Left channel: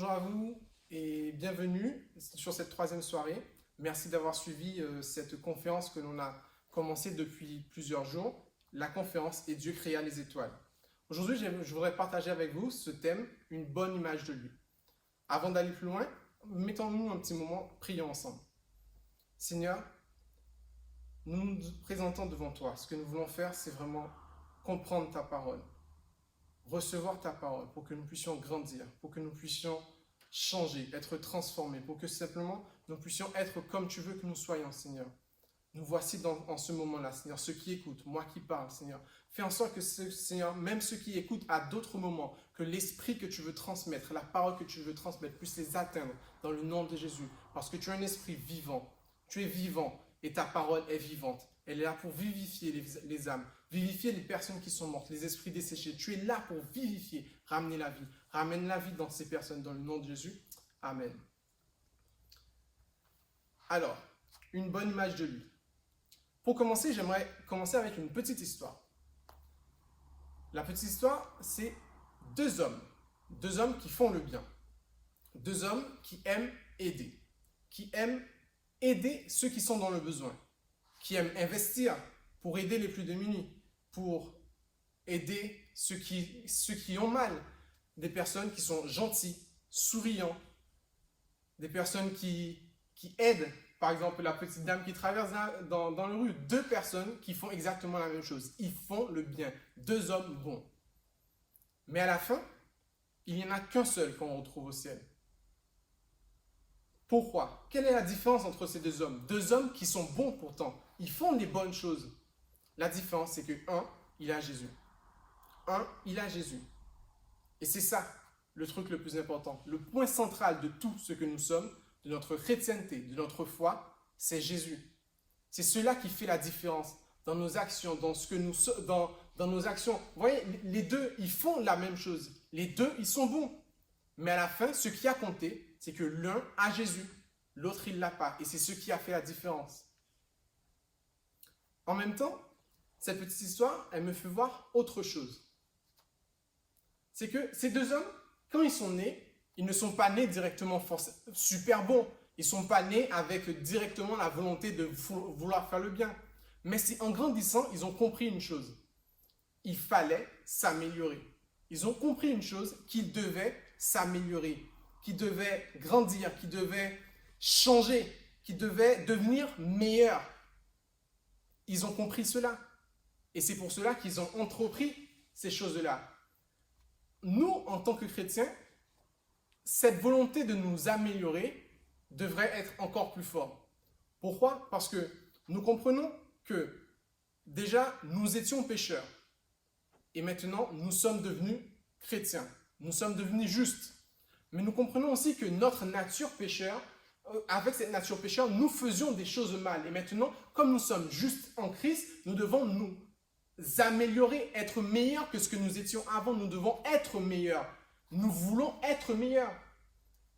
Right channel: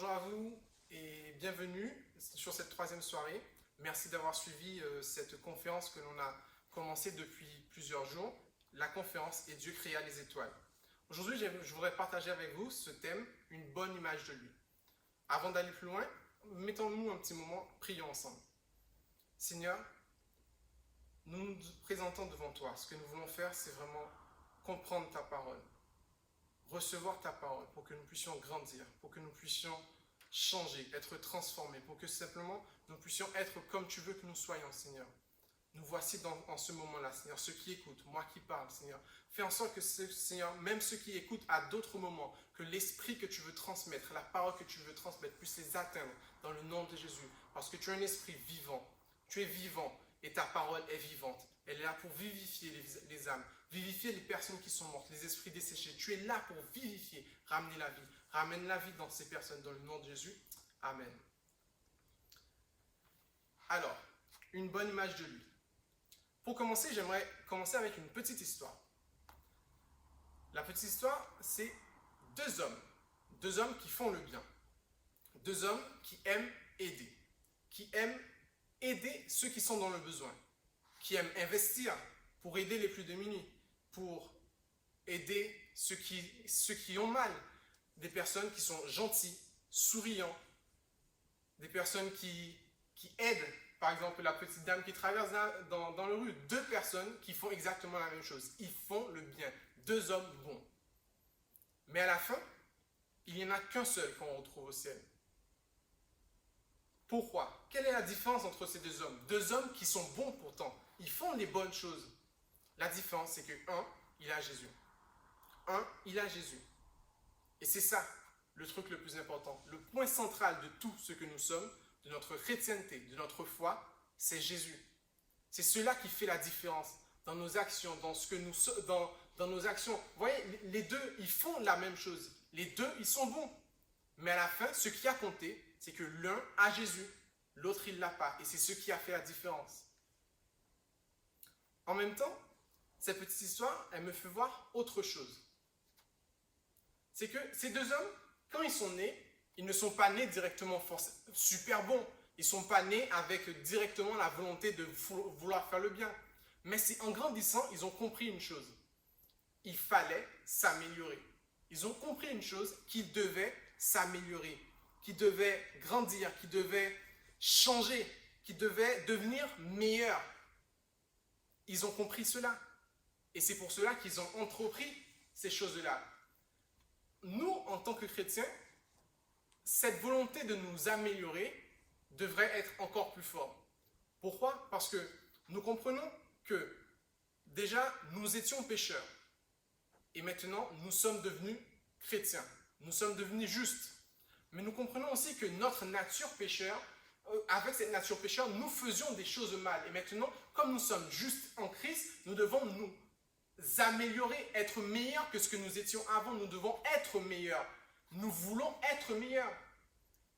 bonjour à vous et bienvenue sur cette troisième soirée. Merci d'avoir suivi cette conférence que l'on a commencée depuis plusieurs jours, la conférence Et Dieu créa les étoiles. Aujourd'hui, je voudrais partager avec vous ce thème, une bonne image de lui. Avant d'aller plus loin, mettons-nous un petit moment, prions ensemble. Seigneur, nous nous présentons devant toi. Ce que nous voulons faire, c'est vraiment comprendre ta parole, recevoir ta parole pour que nous puissions grandir, pour que nous puissions changer, être transformés, pour que simplement nous puissions être comme tu veux que nous soyons, Seigneur. Nous voici en ce moment-là, Seigneur, ceux qui écoutent, moi qui parle, Seigneur. Fais en sorte que, Seigneur, même ceux qui écoutent à d'autres moments, que l'esprit que tu veux transmettre, la parole que tu veux transmettre, puisse les atteindre dans le nom de Jésus. Parce que tu es un esprit vivant. Tu es vivant et ta parole est vivante. Elle est là pour vivifier les âmes, vivifier les personnes qui sont mortes, les esprits desséchés. Tu es là pour vivifier, ramener la vie. Ramène la vie dans ces personnes, dans le nom de Jésus. Amen. Alors, une bonne image de lui. Pour commencer, j'aimerais commencer avec une petite histoire. La petite histoire, c'est deux hommes qui font le bien, deux hommes qui aiment aider ceux qui sont dans le besoin, qui aiment investir pour aider les plus démunis, pour aider ceux qui ont mal, des personnes qui sont gentilles, souriants, des personnes qui aident. Par exemple, la petite dame qui traverse dans la rue, deux personnes qui font exactement la même chose. Ils font le bien, deux hommes bons. Mais à la fin, il n'y en a qu'un seul qu'on retrouve au ciel. Pourquoi? Quelle est la différence entre ces deux hommes? Deux hommes qui sont bons pourtant, ils font les bonnes choses. La différence, c'est que un, il a Jésus. Et c'est ça le truc le plus important. Le point central de tout ce que nous sommes, de notre chrétienté, de notre foi, c'est Jésus. C'est cela qui fait la différence dans nos actions, dans nos actions. Vous voyez, les deux, ils font la même chose. Les deux, ils sont bons. Mais à la fin, ce qui a compté, c'est que l'un a Jésus, l'autre, il ne l'a pas. Et c'est ce qui a fait la différence. En même temps, cette petite histoire, elle me fait voir autre chose. C'est que ces deux hommes, quand ils sont nés, ils ne sont pas nés directement super bons. Ils ne sont pas nés avec directement la volonté de vouloir faire le bien. Mais c'est en grandissant, ils ont compris une chose. Il fallait s'améliorer. Ils ont compris une chose, qu'ils devaient s'améliorer, qu'ils devaient grandir, qu'ils devaient changer, qu'ils devaient devenir meilleurs. Ils ont compris cela. Et c'est pour cela qu'ils ont entrepris ces choses-là. Nous, en tant que chrétiens, cette volonté de nous améliorer devrait être encore plus forte. Pourquoi? Parce que nous comprenons que déjà, nous étions pécheurs. Et maintenant, nous sommes devenus chrétiens. Nous sommes devenus justes. Mais nous comprenons aussi que notre nature pécheur, avec cette nature pécheur, nous faisions des choses mal. Et maintenant, comme nous sommes justes en Christ, nous devons nous améliorer, être meilleurs que ce que nous étions avant. Nous devons être meilleurs. Nous voulons être meilleurs.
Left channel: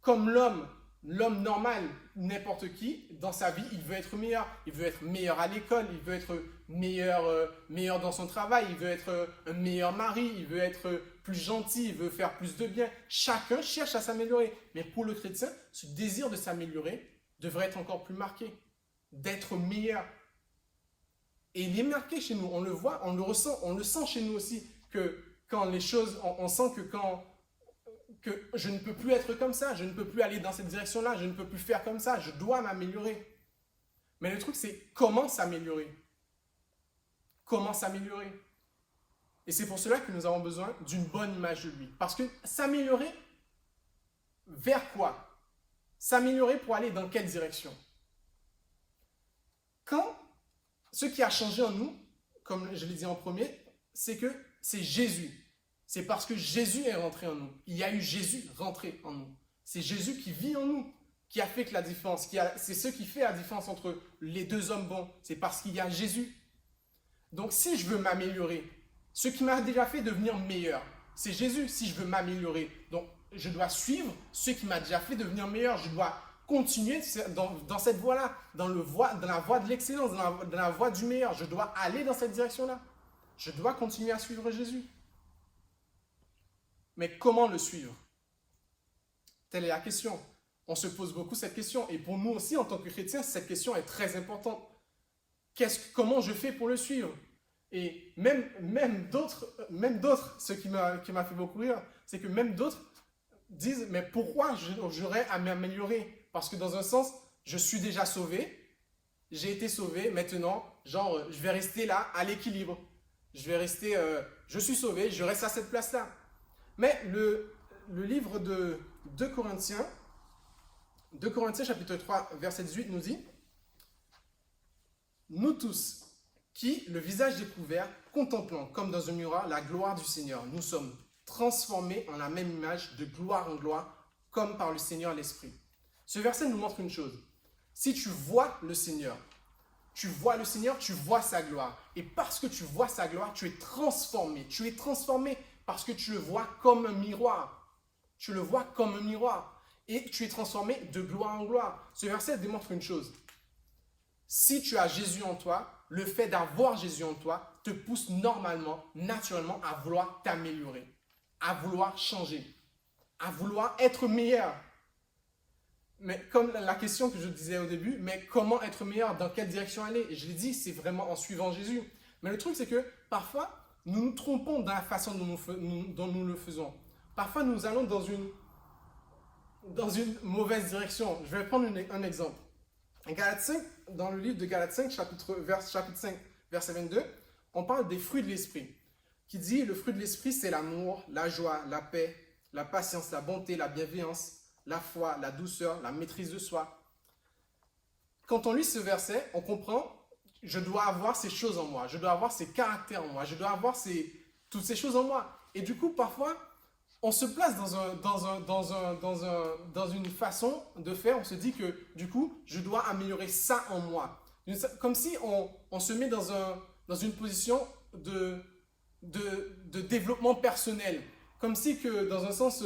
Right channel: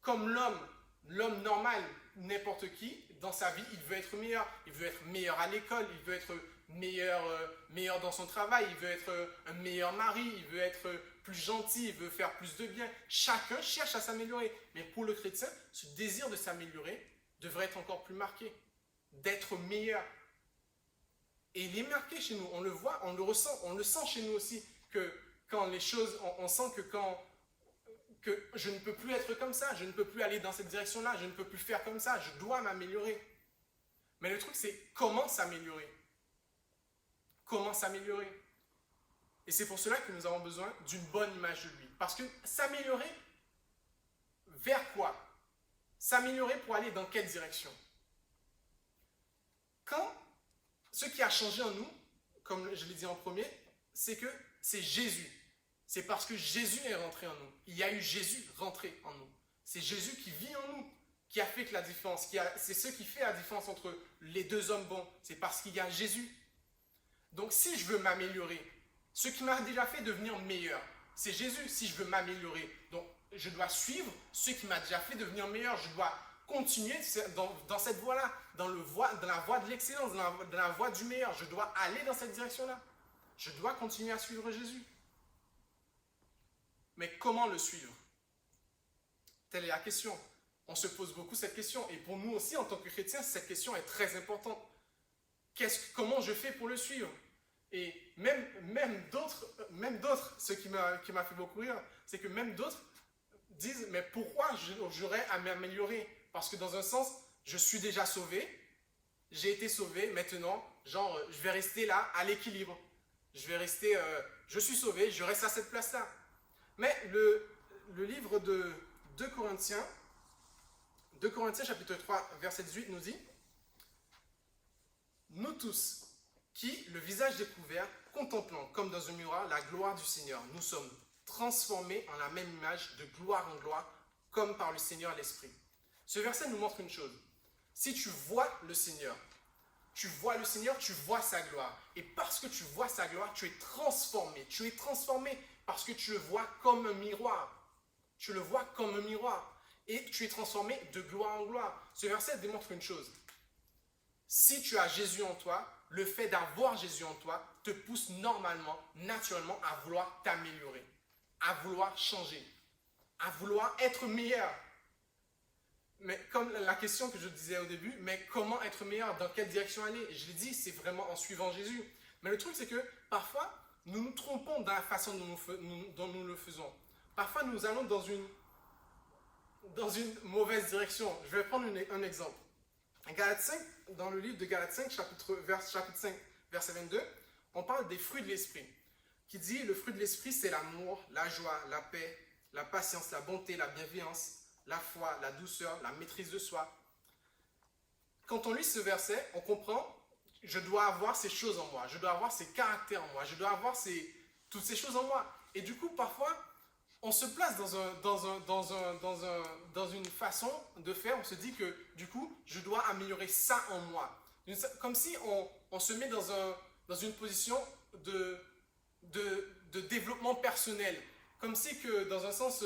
Comme l'homme normal, n'importe qui, dans sa vie, il veut être meilleur. Il veut être meilleur à l'école, il veut être meilleur dans son travail, il veut être un meilleur mari, il veut être plus gentil, il veut faire plus de bien. Chacun cherche à s'améliorer. Mais pour le chrétien, ce désir de s'améliorer devrait être encore plus marqué, d'être meilleur. Et il est marqué chez nous, on le voit, on le ressent, on le sent chez nous aussi, que quand les choses, on sent que je ne peux plus être comme ça, je ne peux plus aller dans cette direction-là, je ne peux plus faire comme ça, je dois m'améliorer. Mais le truc, c'est comment s'améliorer? Comment s'améliorer? Et c'est pour cela que nous avons besoin d'une bonne image de lui. Parce que s'améliorer, vers quoi? S'améliorer pour aller dans quelle direction? Quand ce qui a changé en nous, comme je l'ai dit en premier, c'est que c'est Jésus. C'est parce que Jésus est rentré en nous. Il y a eu Jésus rentré en nous. C'est Jésus qui vit en nous, qui a fait la différence. C'est ce qui fait la différence entre les deux hommes bons. C'est parce qu'il y a Jésus. Donc si je veux m'améliorer, ce qui m'a déjà fait devenir meilleur, c'est Jésus. Si je veux m'améliorer, donc je dois suivre ce qui m'a déjà fait devenir meilleur. Je dois continuer dans cette voie-là, dans la voie de l'excellence, dans la voie du meilleur. Je dois aller dans cette direction-là. Je dois continuer à suivre Jésus. Mais comment le suivre? Telle est la question. On se pose beaucoup cette question. Et pour nous aussi, en tant que chrétiens, cette question est très importante. Comment je fais pour le suivre? Et même d'autres, ce qui m'a fait beaucoup rire, c'est que même d'autres disent, mais pourquoi j'aurais à m'améliorer? Parce que dans un sens, je suis déjà sauvé, j'ai été sauvé, maintenant, genre, je vais rester là, à l'équilibre. Je suis sauvé, je reste à cette place-là. Mais le livre de 2 Corinthiens chapitre 3, verset 18 nous dit, nous tous, qui, le visage découvert, contemplant comme dans un miroir la gloire du Seigneur, nous sommes transformés en la même image de gloire en gloire, comme par le Seigneur l'Esprit. Ce verset nous montre une chose. Si tu vois le Seigneur, tu vois sa gloire. Et parce que tu vois sa gloire, tu es transformé. Tu es transformé parce que tu le vois comme un miroir. Tu le vois comme un miroir. Et tu es transformé de gloire en gloire. Ce verset démontre une chose. Si tu as Jésus en toi, le fait d'avoir Jésus en toi te pousse normalement, naturellement, à vouloir t'améliorer, à vouloir changer, à vouloir être meilleur. Mais comme la question que je disais au début, mais comment être meilleur, dans quelle direction aller? Et je l'ai dit, c'est vraiment en suivant Jésus. Mais le truc, c'est que parfois, nous nous trompons dans la façon dont nous le faisons. Parfois, nous allons dans une mauvaise direction. Je vais prendre un exemple. Dans le livre de Galates 5, chapitre 5, verset 22, on parle des fruits de l'esprit. Qui dit, le fruit de l'esprit, c'est l'amour, la joie, la paix, la patience, la bonté, la bienveillance, la foi, la douceur, la maîtrise de soi. Quand on lit ce verset, on comprend, je dois avoir ces choses en moi, je dois avoir ces caractères en moi, je dois avoir toutes ces choses en moi. Et du coup, parfois, on se place dans une façon de faire, on se dit que du coup, je dois améliorer ça en moi. Comme si on se met dans une position de développement personnel. Comme si que dans un sens,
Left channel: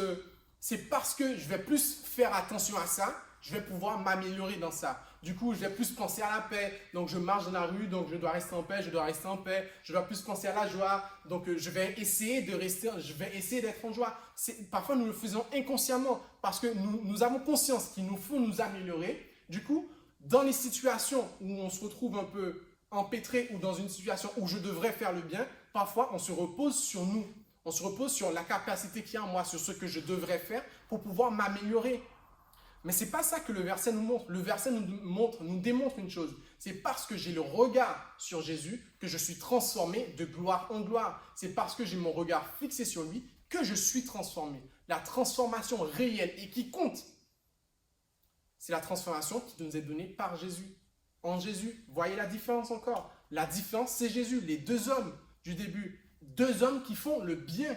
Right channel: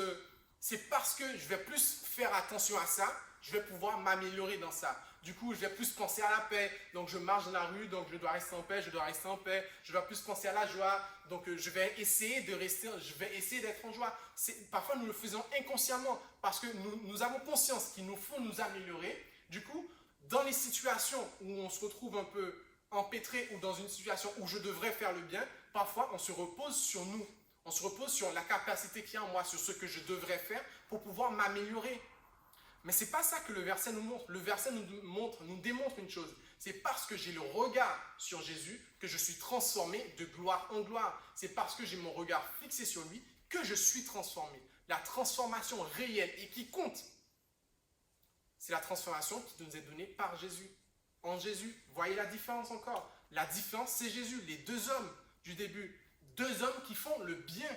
c'est parce que je vais plus faire attention à ça, je vais pouvoir m'améliorer dans ça. Du coup, je vais plus penser à la paix. Donc, je marche dans la rue, donc je dois rester en paix, je dois rester en paix. Je dois plus penser à la joie, donc je vais essayer d'être en joie. Parfois, nous le faisons inconsciemment parce que nous avons conscience qu'il nous faut nous améliorer. Du coup, dans les situations où on se retrouve un peu empêtré ou dans une situation où je devrais faire le bien, parfois, on se repose sur nous. On se repose sur la capacité qu'il y a en moi, sur ce que je devrais faire pour pouvoir m'améliorer. Mais ce n'est pas ça que le verset nous montre. Le verset nous démontre une chose. C'est parce que j'ai le regard sur Jésus que je suis transformé de gloire en gloire. C'est parce que j'ai mon regard fixé sur lui que je suis transformé. La transformation réelle et qui compte, c'est la transformation qui nous est donnée par Jésus. En Jésus, voyez la différence encore. La différence, c'est Jésus. Les deux hommes du début, deux hommes qui font le bien,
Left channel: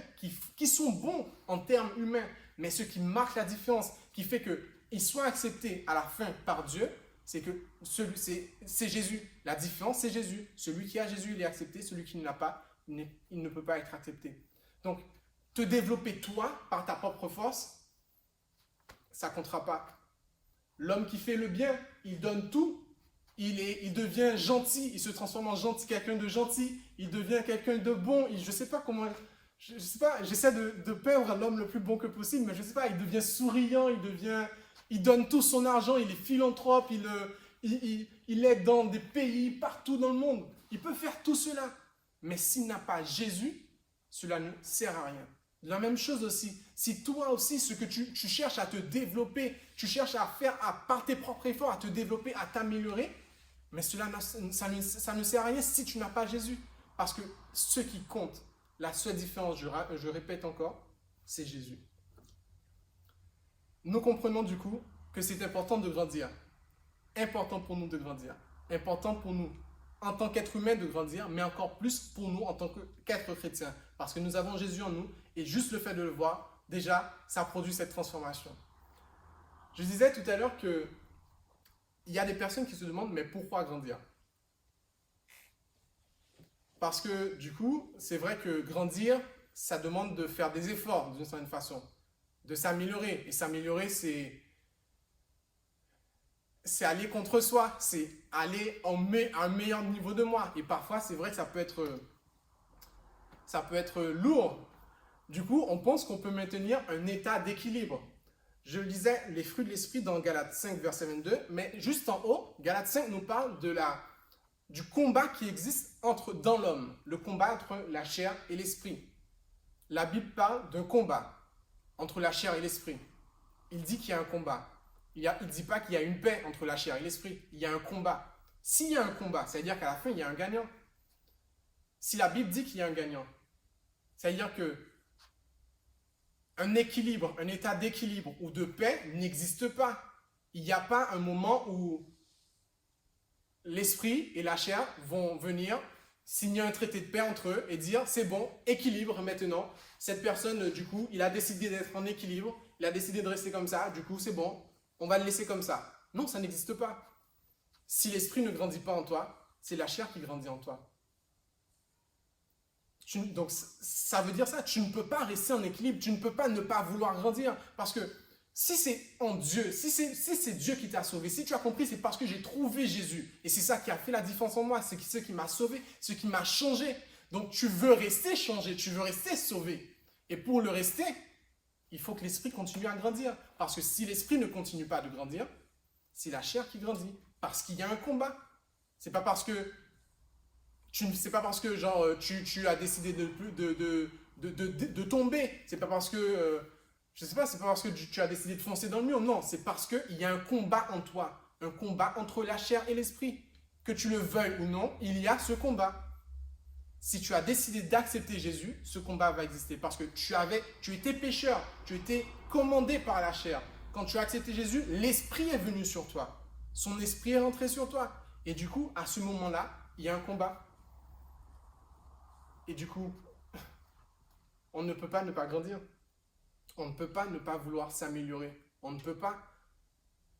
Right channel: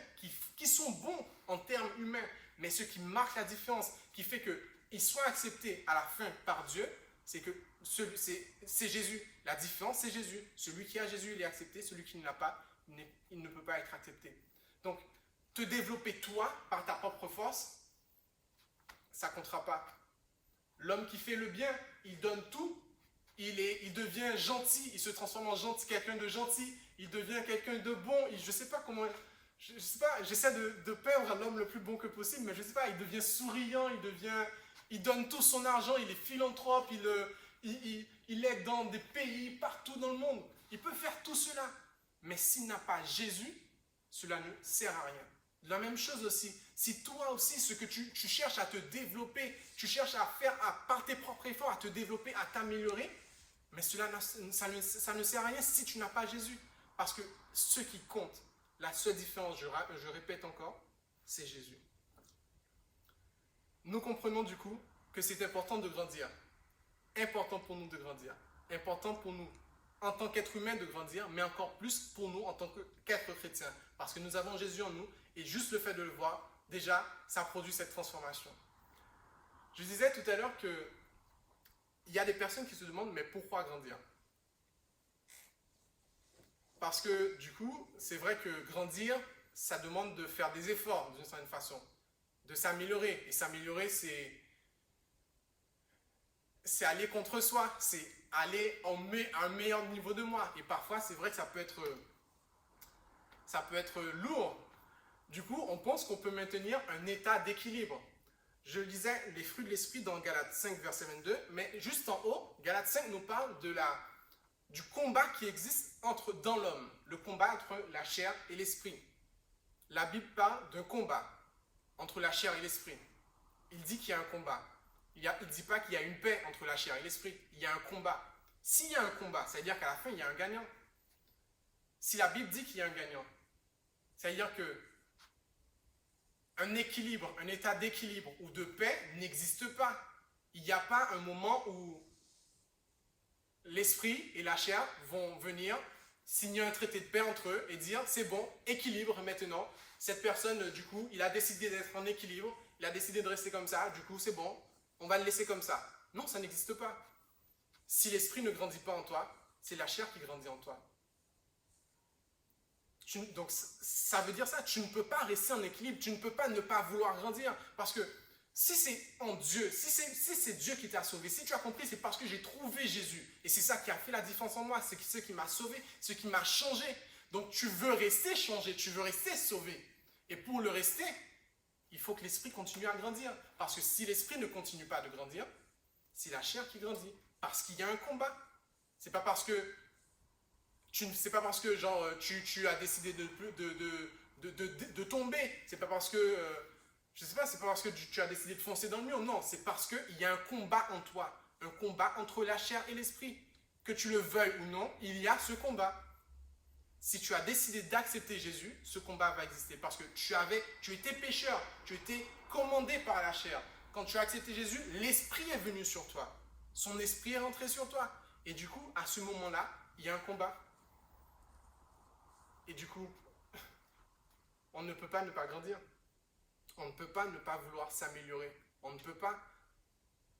qui sont bons en termes humains. Mais ce qui marque la différence, qui fait qu'ils soient acceptés à la fin par Dieu, c'est que c'est Jésus. La différence, c'est Jésus. Celui qui a Jésus, il est accepté. Celui qui ne l'a pas, il ne peut pas être accepté. Donc, te développer toi, par ta propre force, ça ne comptera pas. L'homme qui fait le bien, il donne tout. Il devient gentil, il se transforme en gentil, quelqu'un de gentil. Il devient quelqu'un de bon. Je ne sais pas comment... Je sais pas, j'essaie de peindre l'homme le plus bon que possible, mais je ne sais pas, il devient souriant, il donne tout son argent, il est philanthrope, il aide dans des pays, partout dans le monde. Il peut faire tout cela. Mais s'il n'a pas Jésus, cela ne sert à rien. La même chose aussi, si toi aussi, ce que tu cherches à te développer, tu cherches à faire par tes propres efforts, à te développer, à t'améliorer, mais ça ne sert à rien si tu n'as pas Jésus. Parce que ce qui compte, la seule différence, je répète encore, c'est Jésus. Nous comprenons du coup que c'est important de grandir. Important pour nous de grandir. Important pour nous en tant qu'être humain de grandir, mais encore plus pour nous en tant qu'être chrétien. Parce que nous avons Jésus en nous et juste le fait de le voir, déjà, ça produit cette transformation. Je disais tout à l'heure qu'il y a des personnes qui se demandent, mais pourquoi grandir ? Parce que du coup, c'est vrai que grandir, ça demande de faire des efforts d'une certaine façon, de s'améliorer. Et s'améliorer, c'est aller contre soi, c'est aller à un meilleur niveau de moi. Et parfois, c'est vrai que ça peut être lourd. Du coup, on pense qu'on peut maintenir un état d'équilibre. je lisais les fruits de l'esprit dans Galates 5, verset 22, mais juste en haut, Galates 5 nous parle du combat qui existe dans l'homme, le combat entre la chair et l'esprit. La Bible parle d'un combat entre la chair et l'esprit. Il dit qu'il y a un combat. Il ne dit pas qu'il y a une paix entre la chair et l'esprit. Il y a un combat. S'il y a un combat, ça veut dire qu'à la fin, il y a un gagnant. Si la Bible dit qu'il y a un gagnant, ça veut dire que un équilibre, un état d'équilibre ou de paix n'existe pas. Il n'y a pas un moment où l'esprit et la chair vont venir signer un traité de paix entre eux et dire c'est bon, équilibre maintenant. Cette personne, du coup, il a décidé d'être en équilibre, il a décidé de rester comme ça, du coup c'est bon, on va le laisser comme ça. Non, ça n'existe pas. Si l'esprit ne grandit pas en toi, c'est la chair qui grandit en toi. Donc ça veut dire ça, tu ne peux pas rester en équilibre, tu ne peux pas ne pas vouloir grandir, parce que si c'est en Dieu, si c'est Dieu qui t'a sauvé, si tu as compris, c'est parce que j'ai trouvé Jésus, et c'est ça qui a fait la différence en moi, c'est ce qui m'a sauvé, ce qui m'a changé. Donc tu veux rester changé, tu veux rester sauvé, et pour le rester, il faut que l'esprit continue à grandir, parce que si l'esprit ne continue pas de grandir, c'est la chair qui grandit, parce qu'il y a un combat. C'est pas parce que genre tu as décidé de tomber. C'est pas parce que je sais pas, c'est pas parce que tu as décidé de foncer dans le mur. Non, c'est parce qu'il y a un combat en toi, un combat entre la chair et l'esprit. Que tu le veuilles ou non, il y a ce combat. Si tu as décidé d'accepter Jésus, ce combat va exister parce que tu étais pécheur, tu étais commandé par la chair. Quand tu as accepté Jésus, l'esprit est venu sur toi. Son esprit est rentré sur toi. Et du coup, à ce moment-là, il y a un combat. Et du coup, on ne peut pas ne pas grandir. On ne peut pas ne pas vouloir s'améliorer. On ne peut pas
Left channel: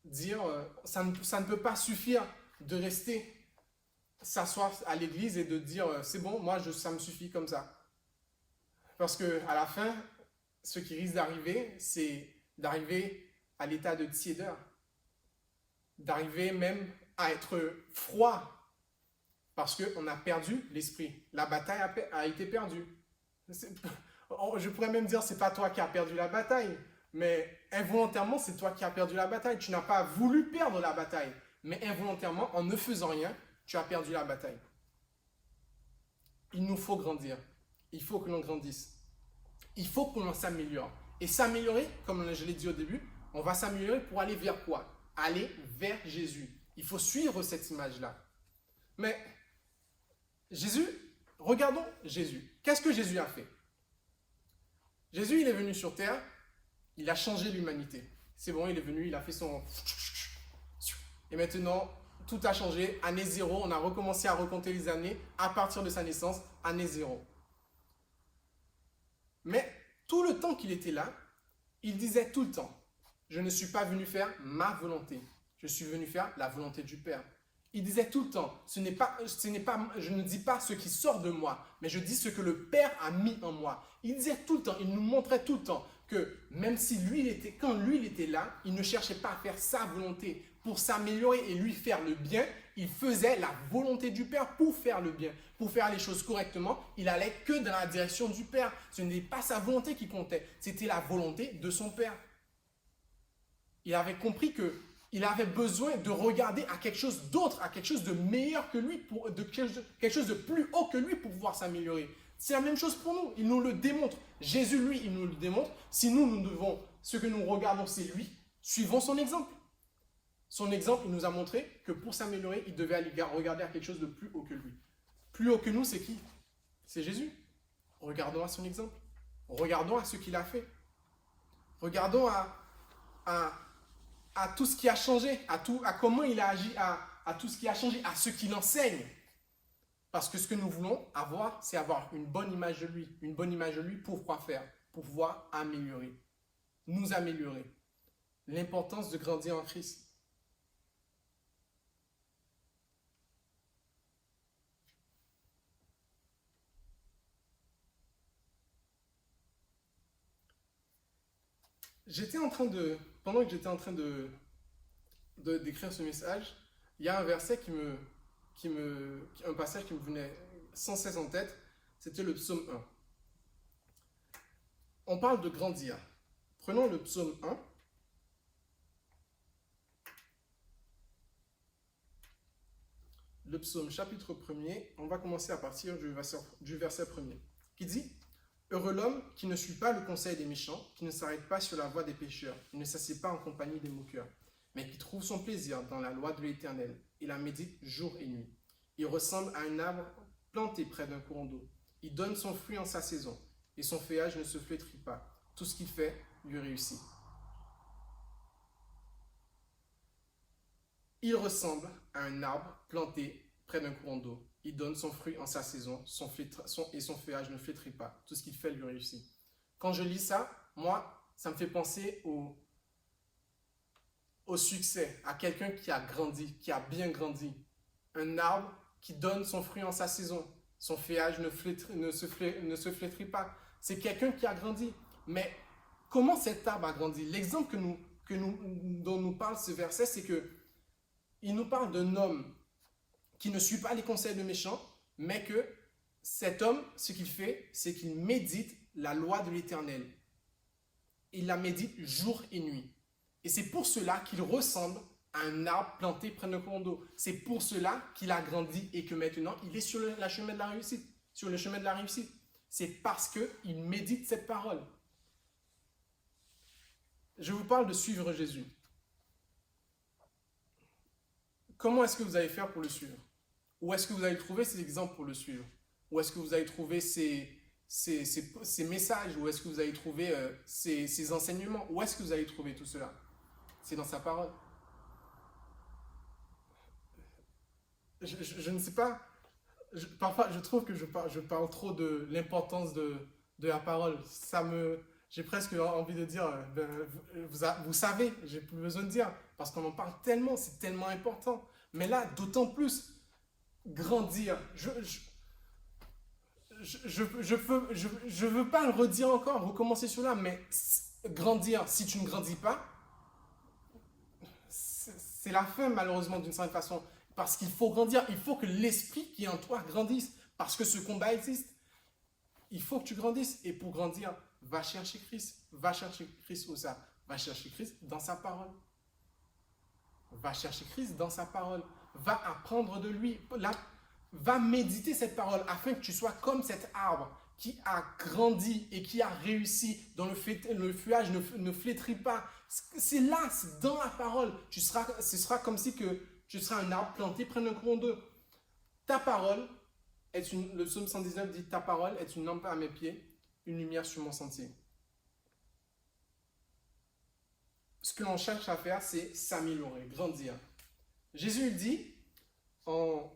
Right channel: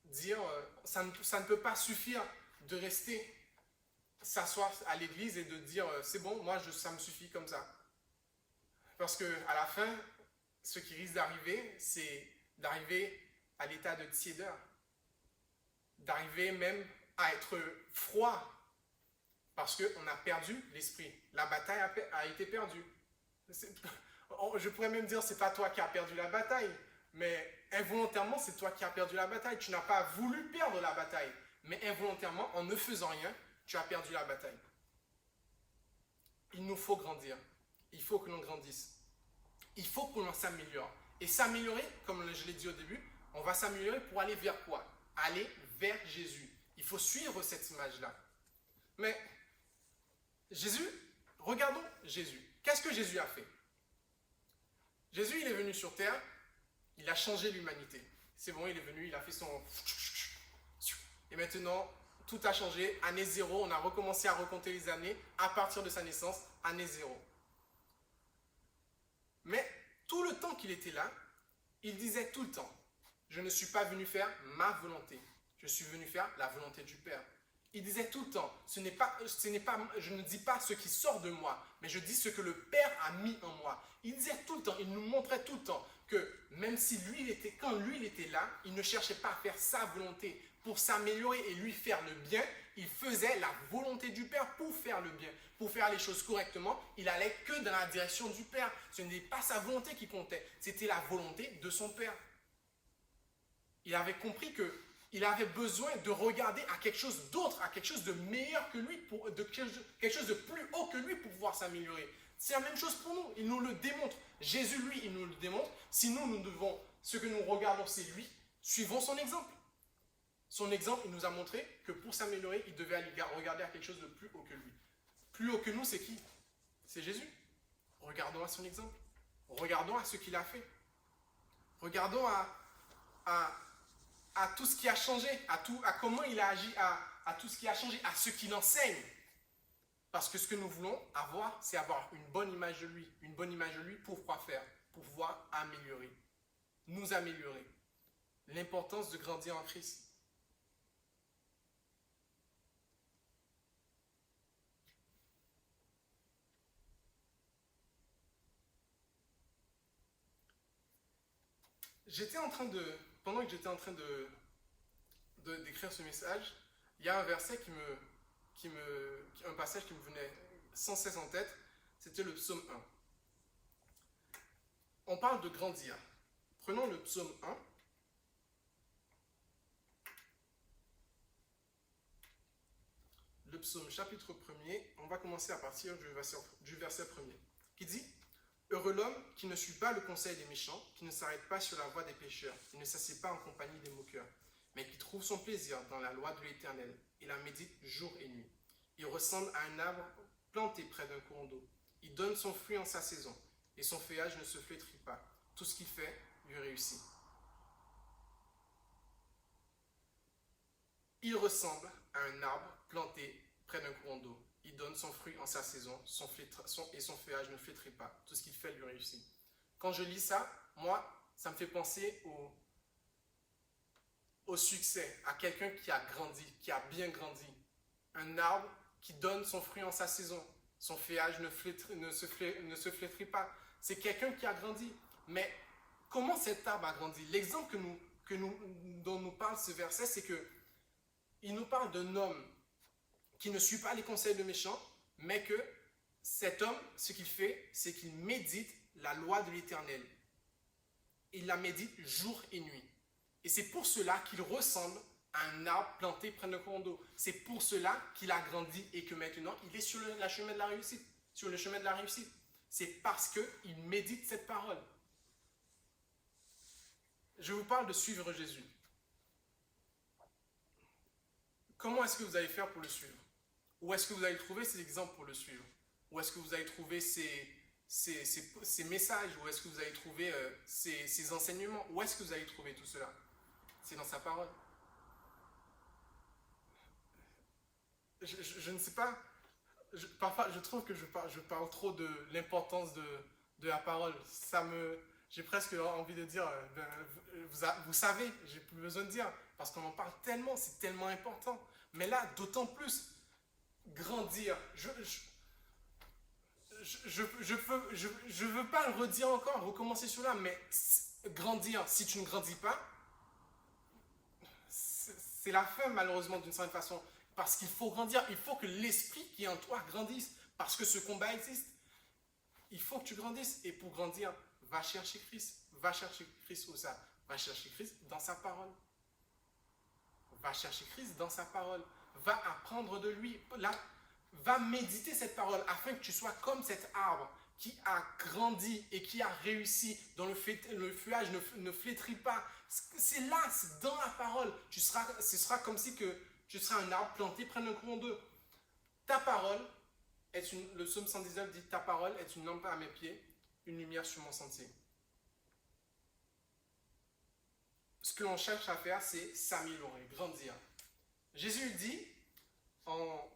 dire, ça ne peut pas suffire de rester s'asseoir à l'église et de dire, c'est bon, moi, ça me suffit comme ça. Parce qu'à la fin, ce qui risque d'arriver, c'est d'arriver à l'état de tiédeur. D'arriver même à être froid. Parce qu'on a perdu l'esprit. La bataille a été perdue. Je pourrais même dire, c'est pas toi qui as perdu la bataille, mais involontairement, c'est toi qui as perdu la bataille. Tu n'as pas voulu perdre la bataille, mais involontairement, en ne faisant rien, tu as perdu la bataille. Il nous faut grandir. Il faut que l'on grandisse. Il faut qu'on s'améliore. Et s'améliorer, comme je l'ai dit au début, on va s'améliorer pour aller vers quoi? Aller vers Jésus. Il faut suivre cette image-là. Mais Jésus, regardons Jésus. Qu'est-ce que Jésus a fait? Jésus, il est venu sur terre, il a changé l'humanité. C'est bon, il est venu, il a fait son... Et maintenant, tout a changé. Année zéro, on a recommencé à recompter les années à partir de sa naissance, année zéro. Mais tout le temps qu'il était là, il disait tout le temps, je ne suis pas venu faire ma volonté, je suis venu faire la volonté du Père. Il disait tout le temps, je ne dis pas ce qui sort de moi, mais je dis ce que le Père a mis en moi. Il disait tout le temps, il nous montrait tout le temps que même si quand lui il était là, il ne cherchait pas à faire sa volonté pour s'améliorer et lui faire le bien. Il faisait la volonté du Père pour faire le bien, pour faire les choses correctement. Il allait que dans la direction du Père. Ce n'était pas sa volonté qui comptait, c'était la volonté de son Père. Il avait compris que il avait besoin de regarder à quelque chose d'autre, à quelque chose de meilleur que lui, quelque chose de plus haut que lui pour pouvoir s'améliorer. C'est la même chose pour nous, il nous le démontre. Jésus, lui, il nous le démontre. Si nous devons, ce que nous regardons, c'est lui, suivons son exemple. Son exemple, il nous a montré que pour s'améliorer, il devait aller regarder à quelque chose de plus haut que lui. Plus haut que nous, c'est qui? C'est Jésus. Regardons à son exemple. Regardons à ce qu'il a fait. Regardons à tout ce qui a changé, à comment il a agi, à tout ce qui a changé, à ce qu'il enseigne. Parce que ce que nous voulons avoir, c'est avoir une bonne image de lui. Une bonne image de lui pour quoi faire? Pour pouvoir améliorer. Nous améliorer. L'importance de grandir en Christ. Pendant que j'étais en train d'écrire ce message, il y a un verset un passage qui me venait sans cesse en tête, c'était le psaume 1. On parle de grandir. Prenons le psaume 1 le psaume chapitre 1er. On va commencer à partir du verset 1er, qui dit « Heureux l'homme qui ne suit pas le conseil des méchants, qui ne s'arrête pas sur la voie des pécheurs, qui ne s'assied pas en compagnie des moqueurs, mais qui trouve son plaisir dans la loi de l'Éternel et la médite jour et nuit. Il ressemble à un arbre planté près d'un courant d'eau. Il donne son fruit en sa saison, et son feuillage ne se flétrit pas. Tout ce qu'il fait lui réussit. » Il ressemble à un arbre planté près d'un courant d'eau. Il donne son fruit en sa saison, et son feuillage ne flétrit pas. Tout ce qu'il fait lui réussit. Quand je lis ça, moi, ça me fait penser au succès, à quelqu'un qui a grandi, qui a bien grandi. Un arbre qui donne son fruit en sa saison. Son feuillage ne se flétrit pas. C'est quelqu'un qui a grandi. Mais comment cet arbre a grandi? L'exemple dont nous parle ce verset, c'est que il nous parle d'un homme qui ne suit pas les conseils de méchants, mais que cet homme, ce qu'il fait, c'est qu'il médite la loi de l'Éternel. Il la médite jour et nuit. Et c'est pour cela qu'il ressemble à un arbre planté près d'un courant d'eau. C'est pour cela qu'il a grandi et que maintenant, il est sur le chemin de la réussite. Sur le chemin de la réussite. C'est parce qu'il médite cette parole. Je vous parle de suivre Jésus. Comment est-ce que vous allez faire pour le suivre? Où est-ce que vous allez trouver ces exemples pour le suivre? Où est-ce que vous allez trouver ces messages? Où est-ce que vous allez trouver ces enseignements? Où est-ce que vous allez trouver tout cela? C'est dans sa parole. Je ne sais pas. Parfois, je trouve que je parle trop de l'importance de la parole. J'ai presque envie de dire, vous savez, j'ai plus besoin de dire, parce qu'on en parle tellement, c'est tellement important. Mais là, d'autant plus, grandir. Je veux pas le redire encore, recommencer sur là, mais grandir, si tu ne grandis pas, c'est la fin malheureusement d'une certaine façon. Parce qu'il faut grandir, il faut que l'esprit qui est en toi grandisse, parce que ce combat existe. Il faut que tu grandisses, et pour grandir, va chercher Christ. Va chercher Christ où ça? Va chercher Christ dans sa parole. Va chercher Christ dans sa parole. Va apprendre de lui. Va méditer cette parole afin que tu sois comme cet arbre qui a grandi et qui a réussi, dont le feuillage ne flétrit pas. C'est là, c'est dans la parole. Ce sera comme si que tu seras un arbre planté près d'un courant d'eau. Ta parole, le psaume 119 dit, ta parole est une lampe à mes pieds, une lumière sur mon sentier. Ce que l'on cherche à faire, c'est s'améliorer, grandir. Jésus dit, en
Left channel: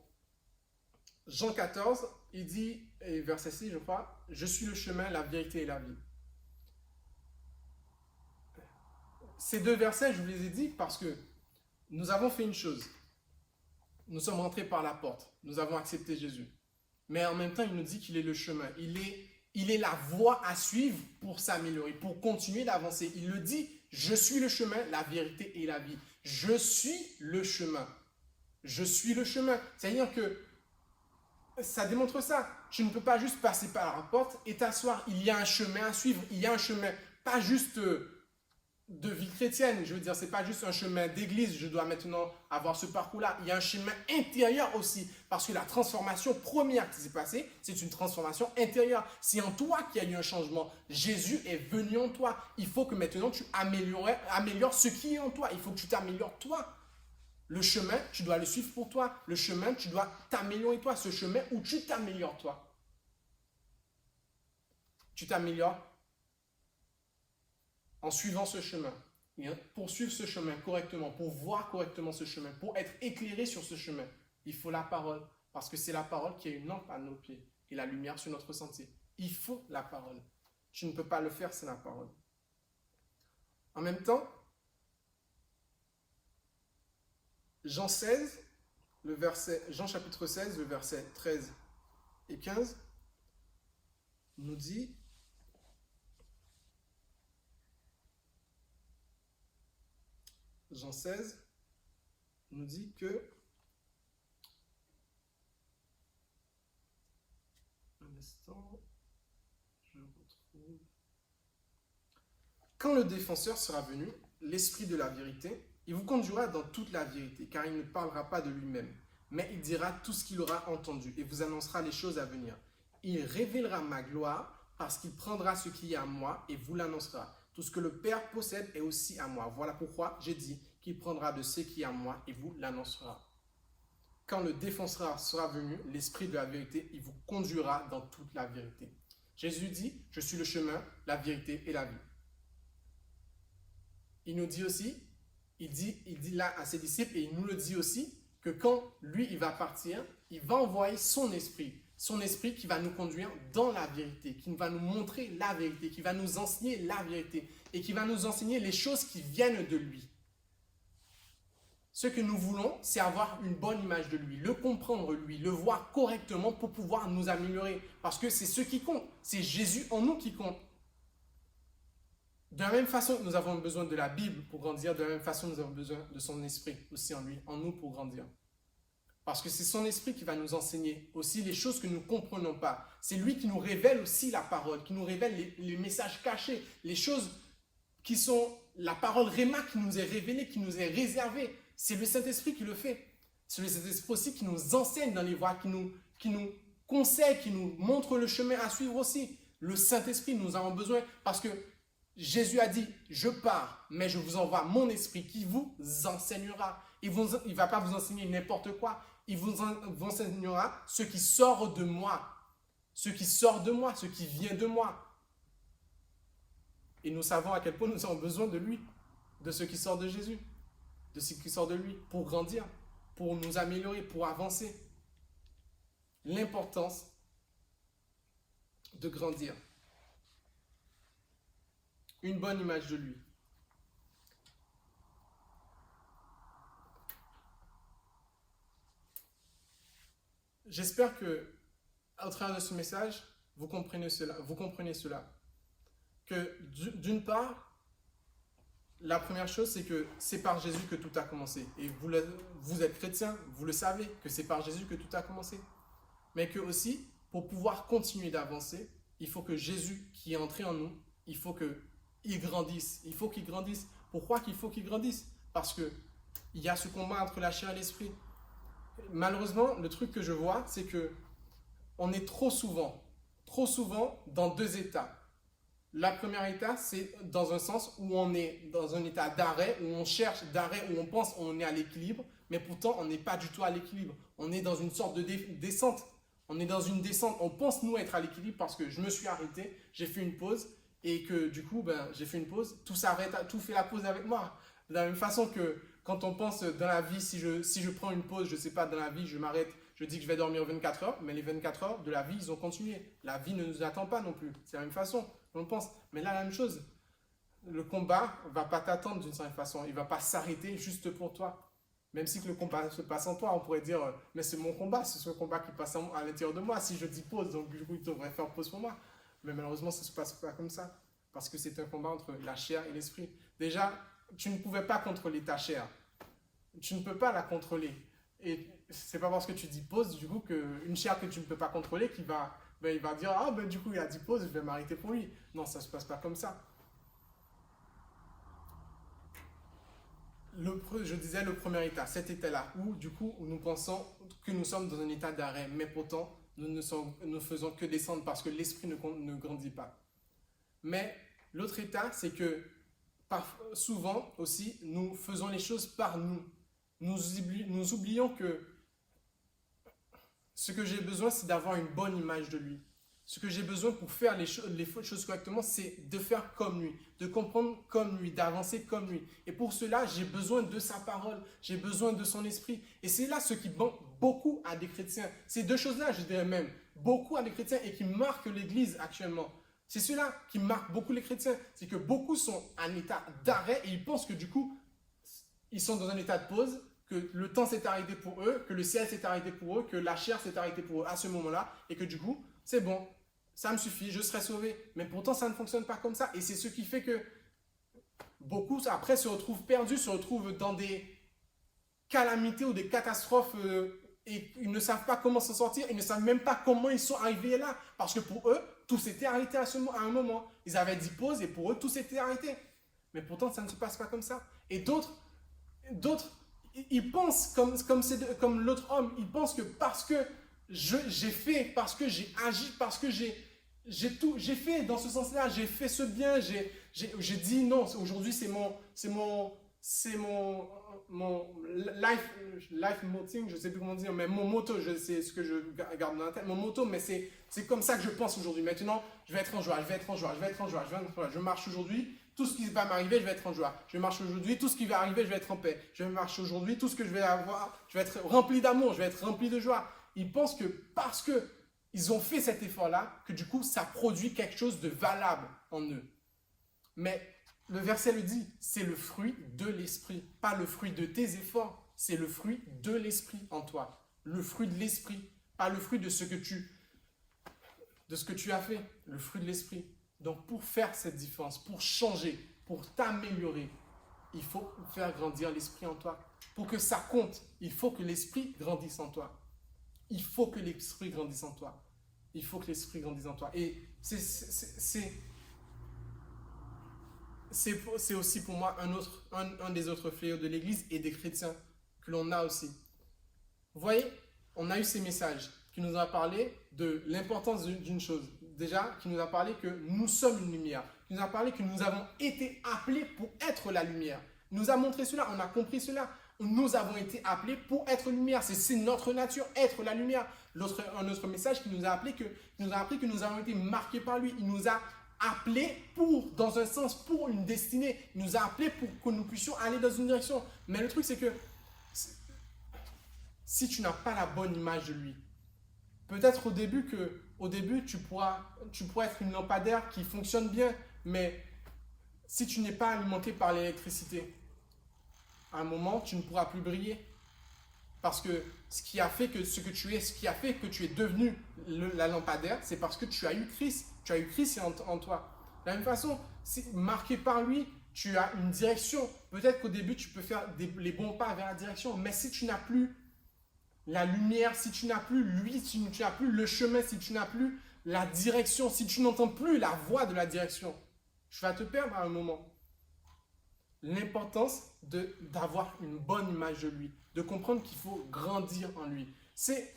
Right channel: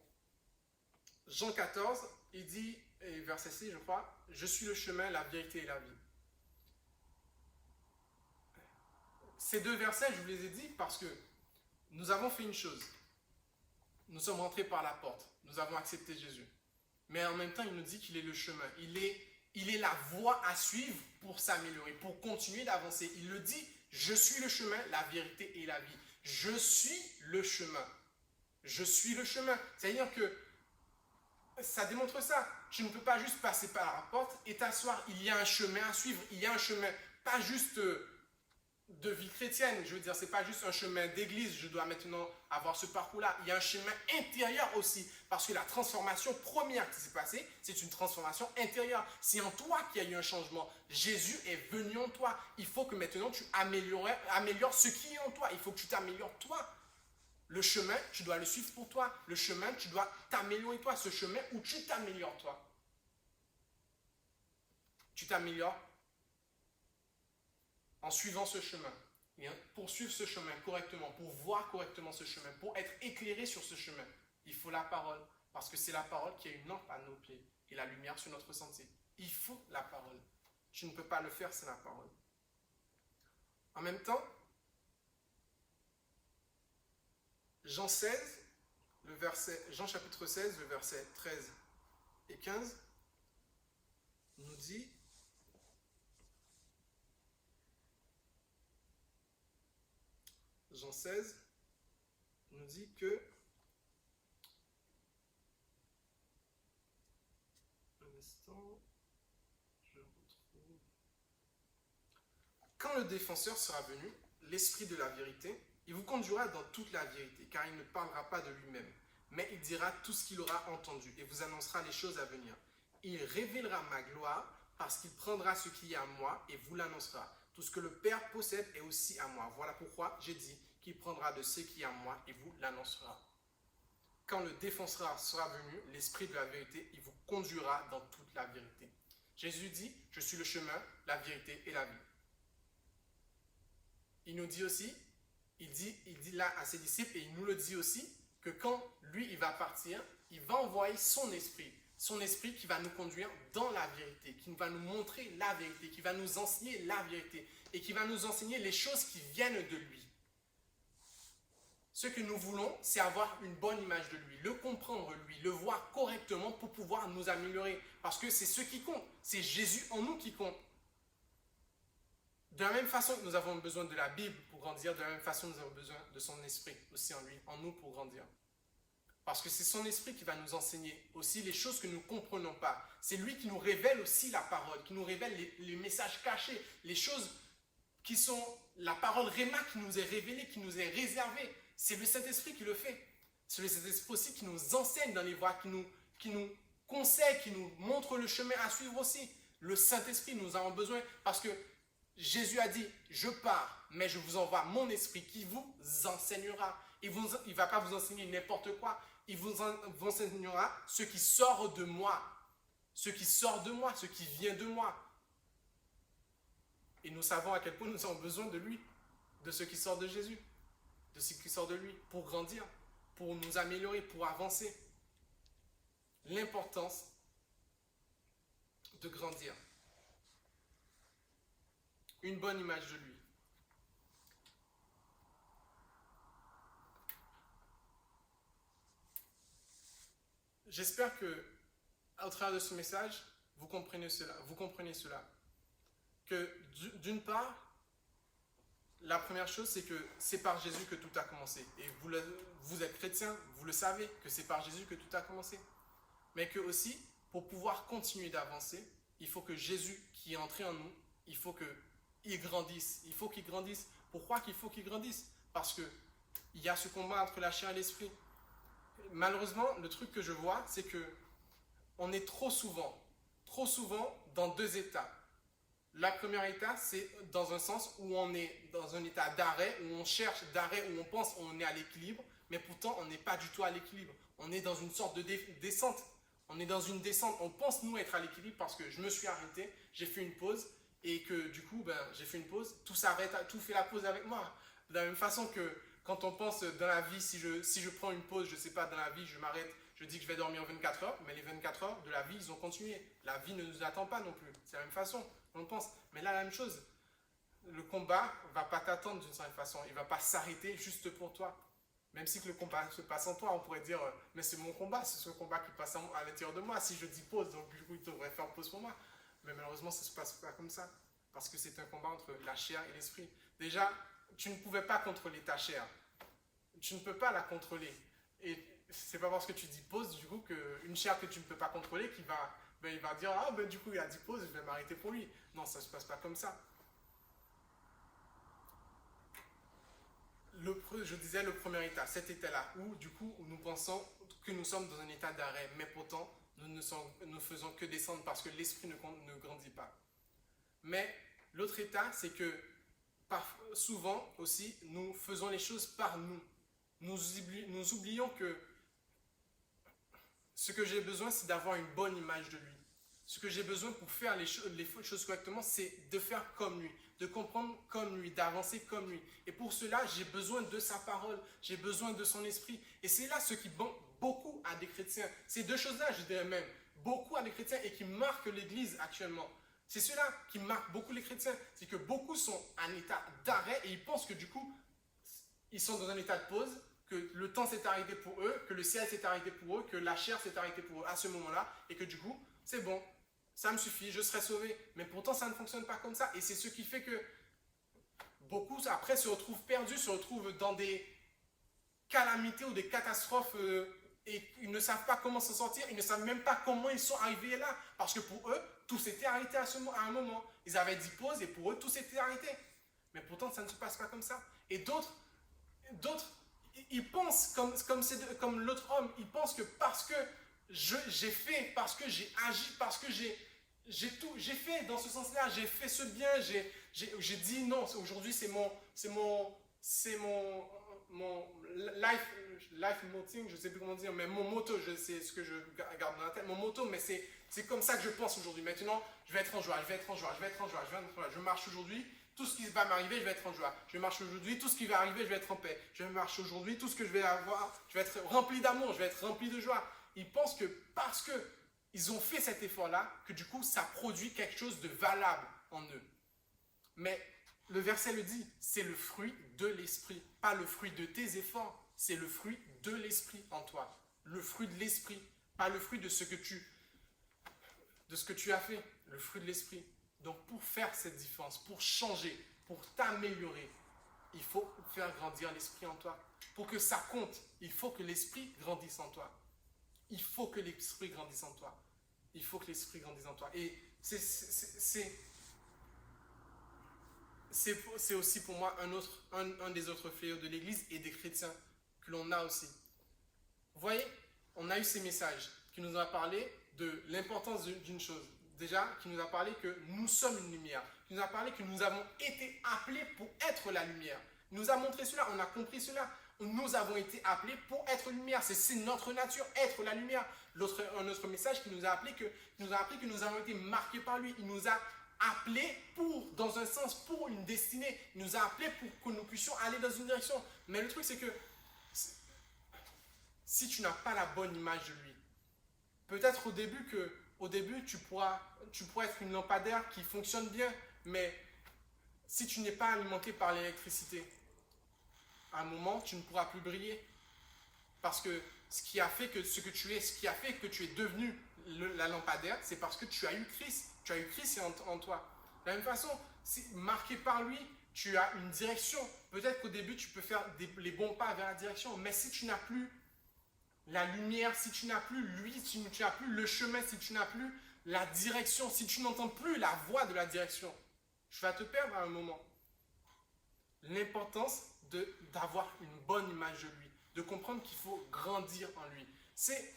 Jean 14, il dit, et verset 6, je crois, « Je suis le chemin, la vérité et la vie. » Ces deux versets, je vous les ai dit parce que nous avons fait une chose. Nous sommes rentrés par la porte. Nous avons accepté Jésus. Mais en même temps, il nous dit qu'il est le chemin. Il est la voie à suivre pour s'améliorer, pour continuer d'avancer. Il le dit, « Je suis le chemin, la vérité et la vie. » Je suis le chemin. Je suis le chemin. C'est-à-dire que ça démontre ça. Tu ne peux pas juste passer par la porte et t'asseoir. Il y a un chemin à suivre. Il y a un chemin, pas juste de vie chrétienne. Je veux dire, c'est pas juste un chemin d'église. Je dois maintenant avoir ce parcours-là. Il y a un chemin intérieur aussi. Parce que la transformation première qui s'est passée, c'est une transformation intérieure. C'est en toi qu'il y a eu un changement. Jésus est venu en toi. Il faut que maintenant tu améliores ce qui est en toi. Il faut que tu t'améliores toi. Le chemin, tu dois le suivre pour toi. Le chemin, tu dois t'améliorer toi. Ce chemin où tu t'améliores toi. Tu t'améliores en suivant ce chemin. Pour suivre ce chemin correctement, pour voir correctement ce chemin, pour être éclairé sur ce chemin, il faut la parole. Parce que c'est la parole qui est une lampe à nos pieds et la lumière sur notre sentier. Il faut la parole. Tu ne peux pas le faire sans la parole. En même temps, Jean chapitre 16, le verset 13 et 15, nous dit, Jean 16 nous dit que, un instant, je retrouve, quand le défenseur sera venu, l'esprit de la vérité, il vous conduira dans toute la vérité, car il ne parlera pas de lui-même, mais il dira tout ce qu'il aura entendu et vous annoncera les choses à venir. Il révélera ma gloire parce qu'il prendra ce qui est à moi et vous l'annoncera. Tout ce que le Père possède est aussi à moi. Voilà pourquoi j'ai dit qu'il prendra de ce qui est à moi et vous l'annoncera. Quand le défenseur sera venu, l'Esprit de la vérité, il vous conduira dans toute la vérité. Jésus dit, je suis le chemin, la vérité et la vie. Il nous dit aussi, il dit là à ses disciples, et il nous le dit aussi, que quand lui, il va partir, il va envoyer son esprit qui va nous conduire dans la vérité, qui va nous montrer la vérité, qui va nous enseigner la vérité, et qui va nous enseigner les choses qui viennent de lui. Ce que nous voulons, c'est avoir une bonne image de lui, le comprendre lui, le voir correctement pour pouvoir nous améliorer. Parce que c'est ce qui compte, c'est Jésus en nous qui compte. De la même façon que nous avons besoin de la Bible pour grandir, de la même façon nous avons besoin de son esprit aussi en lui, en nous pour grandir. Parce que c'est son esprit qui va nous enseigner aussi les choses que nous ne comprenons pas. C'est lui qui nous révèle aussi la parole, qui nous révèle les messages cachés, les choses qui sont la parole Réma qui nous est révélée, qui nous est réservée. C'est le Saint-Esprit qui le fait. C'est le Saint-Esprit aussi qui nous enseigne dans les voies, qui nous conseille, qui nous montre le chemin à suivre aussi. Le Saint-Esprit, nous avons besoin parce que Jésus a dit, je pars, mais je vous envoie mon esprit qui vous enseignera. Il ne va pas vous enseigner n'importe quoi. Il vous enseignera ce qui sort de moi. Ce qui sort de moi, ce qui vient de moi. Et nous savons à quel point nous avons besoin de lui, de ce qui sort de Jésus, de ce qui sort de lui, pour grandir, pour nous améliorer, pour avancer. L'importance de grandir. Une bonne image de lui. J'espère que, au travers de ce message, vous comprenez cela. Que d'une part, la première chose, c'est que c'est par Jésus que tout a commencé. Et vous êtes chrétien, vous le savez, que c'est par Jésus que tout a commencé. Mais que aussi, pour pouvoir continuer d'avancer, il faut que Jésus, qui est entré en nous, il faut qu'il grandisse. Il faut qu'il grandisse. Pourquoi qu'il faut qu'il grandisse? Parce qu'il y a ce combat entre la chair et l'esprit. Malheureusement, le truc que je vois, c'est que on est trop souvent dans deux états. La première état, c'est dans un sens où on est dans un état d'arrêt, où on cherche d'arrêt, où on pense qu'on est à l'équilibre, mais pourtant on n'est pas du tout à l'équilibre. On est dans une sorte de descente. On est dans une descente. On pense nous être à l'équilibre parce que je me suis arrêté, j'ai fait une pause et que du coup, j'ai fait une pause. Tout s'arrête, tout fait la pause avec moi. De la même façon que quand on pense dans la vie, si je prends une pause, je ne sais pas, dans la vie, je m'arrête, je dis que je vais dormir 24 heures, mais les 24 heures de la vie, ils ont continué. La vie ne nous attend pas non plus. C'est la même façon. On pense. Mais là, la même chose. Le combat ne va pas t'attendre d'une certaine façon. Il ne va pas s'arrêter juste pour toi. Même si le combat se passe en toi, on pourrait dire, mais c'est mon combat, c'est ce combat qui passe à l'intérieur de moi. Si je dis pause, donc du coup, il devrait faire pause pour moi. Mais malheureusement, ça ne se passe pas comme ça. Parce que c'est un combat entre la chair et l'esprit. Déjà, tu ne pouvais pas contrôler ta chair. Tu ne peux pas la contrôler. Et c'est pas parce que tu dis pause, du coup, qu'une chair que tu ne peux pas contrôler, il va dire, ah ben du coup, il a dit pause, je vais m'arrêter pour lui. Non, ça ne se passe pas comme ça. Je disais le premier état, cet état-là, où du coup, nous pensons que nous sommes dans un état d'arrêt, mais pourtant, nous ne faisons que descendre parce que l'esprit ne grandit pas. Mais l'autre état, c'est que souvent aussi, nous faisons les choses par nous. Nous oublions que ce que j'ai besoin, c'est d'avoir une bonne image de lui. Ce que j'ai besoin pour faire les choses correctement, c'est de faire comme lui, de comprendre comme lui, d'avancer comme lui. Et pour cela, j'ai besoin de sa parole, j'ai besoin de son esprit. Et c'est là ce qui manque beaucoup à des chrétiens. Ces deux choses-là, je dirais même, beaucoup à des chrétiens et qui marquent l'Église actuellement. C'est cela qui marque beaucoup les chrétiens. C'est que beaucoup sont en état d'arrêt et ils pensent que du coup, ils sont dans un état de pause, que le temps s'est arrêté pour eux, que le ciel s'est arrêté pour eux, que la chair s'est arrêtée pour eux à ce moment-là et que du coup, c'est bon, ça me suffit, je serai sauvé. Mais pourtant, ça ne fonctionne pas comme ça. Et c'est ce qui fait que beaucoup, après, se retrouvent perdus, se retrouvent dans des calamités ou des catastrophes et ils ne savent pas comment s'en sortir. Ils ne savent même pas comment ils sont arrivés là. Parce que pour eux, tout s'était arrêté à un moment. Ils avaient dit pause et pour eux, tout s'était arrêté. Mais pourtant, ça ne se passe pas comme ça. Et d'autres, il pense comme l'autre homme. Il pense que parce que j'ai fait, parce que j'ai agi, parce que j'ai fait dans ce sens-là, j'ai fait ce bien, j'ai dit non. Aujourd'hui, mon life moting, je sais plus comment dire, mais mon motto, c'est ce que je garde dans la tête, mon motto, mais c'est comme ça que je pense aujourd'hui. Maintenant, je vais être en joie, je vais être en joie, je vais être en joie, je vais être en joie. Je marche aujourd'hui, tout ce qui va m'arriver, je vais être en joie. Je marche aujourd'hui, tout ce qui va arriver, je vais être en paix. Je marche aujourd'hui, tout ce que je vais avoir, je vais être rempli d'amour, je vais être rempli de joie. Ils pensent que parce que ils ont fait cet effort-là, que du coup, ça produit quelque chose de valable en eux. Mais le verset le dit, c'est le fruit de l'esprit, pas le fruit de tes efforts, c'est le fruit de l'esprit en toi. Le fruit de l'esprit, pas le fruit de ce que tu as fait, le fruit de l'esprit. Donc pour faire cette différence, pour changer, pour t'améliorer, il faut faire grandir l'esprit en toi. Pour que ça compte, il faut que l'esprit grandisse en toi. Il faut que l'esprit grandisse en toi. Il faut que l'esprit grandisse en toi. Et c'est aussi pour moi un des autres fléaux de l'Église et des chrétiens que l'on a aussi. Vous voyez, on a eu ces messages qui nous ont parlé de l'importance d'une chose. Déjà, qui nous a parlé que nous sommes une lumière. Qui nous a parlé que nous avons été appelés pour être la lumière. Il nous a montré cela, on a compris cela. Nous avons été appelés pour être lumière. C'est notre nature, être la lumière. Un autre message qui nous a appris que nous avons été marqués par lui. Il nous a appelés dans un sens, pour une destinée. Il nous a appelés pour que nous puissions aller dans une direction. Mais le truc, c'est que si tu n'as pas la bonne image de lui, peut-être au début, tu pourras être une lampadaire qui fonctionne bien, mais si tu n'es pas alimenté par l'électricité, à un moment, tu ne pourras plus briller. Parce que ce qui a fait que tu es devenu la lampadaire, c'est parce que tu as eu Christ. Tu as eu Christ en toi. De la même façon, marqué par lui, tu as une direction. Peut-être qu'au début, tu peux faire les bons pas vers la direction, mais si tu n'as plus la lumière, si tu n'as plus lui, si tu n'as plus le chemin, si tu n'as plus la direction, si tu n'entends plus la voix de la direction, tu vas te perdre à un moment. L'importance d'avoir une bonne image de lui, de comprendre qu'il faut grandir en lui. C'est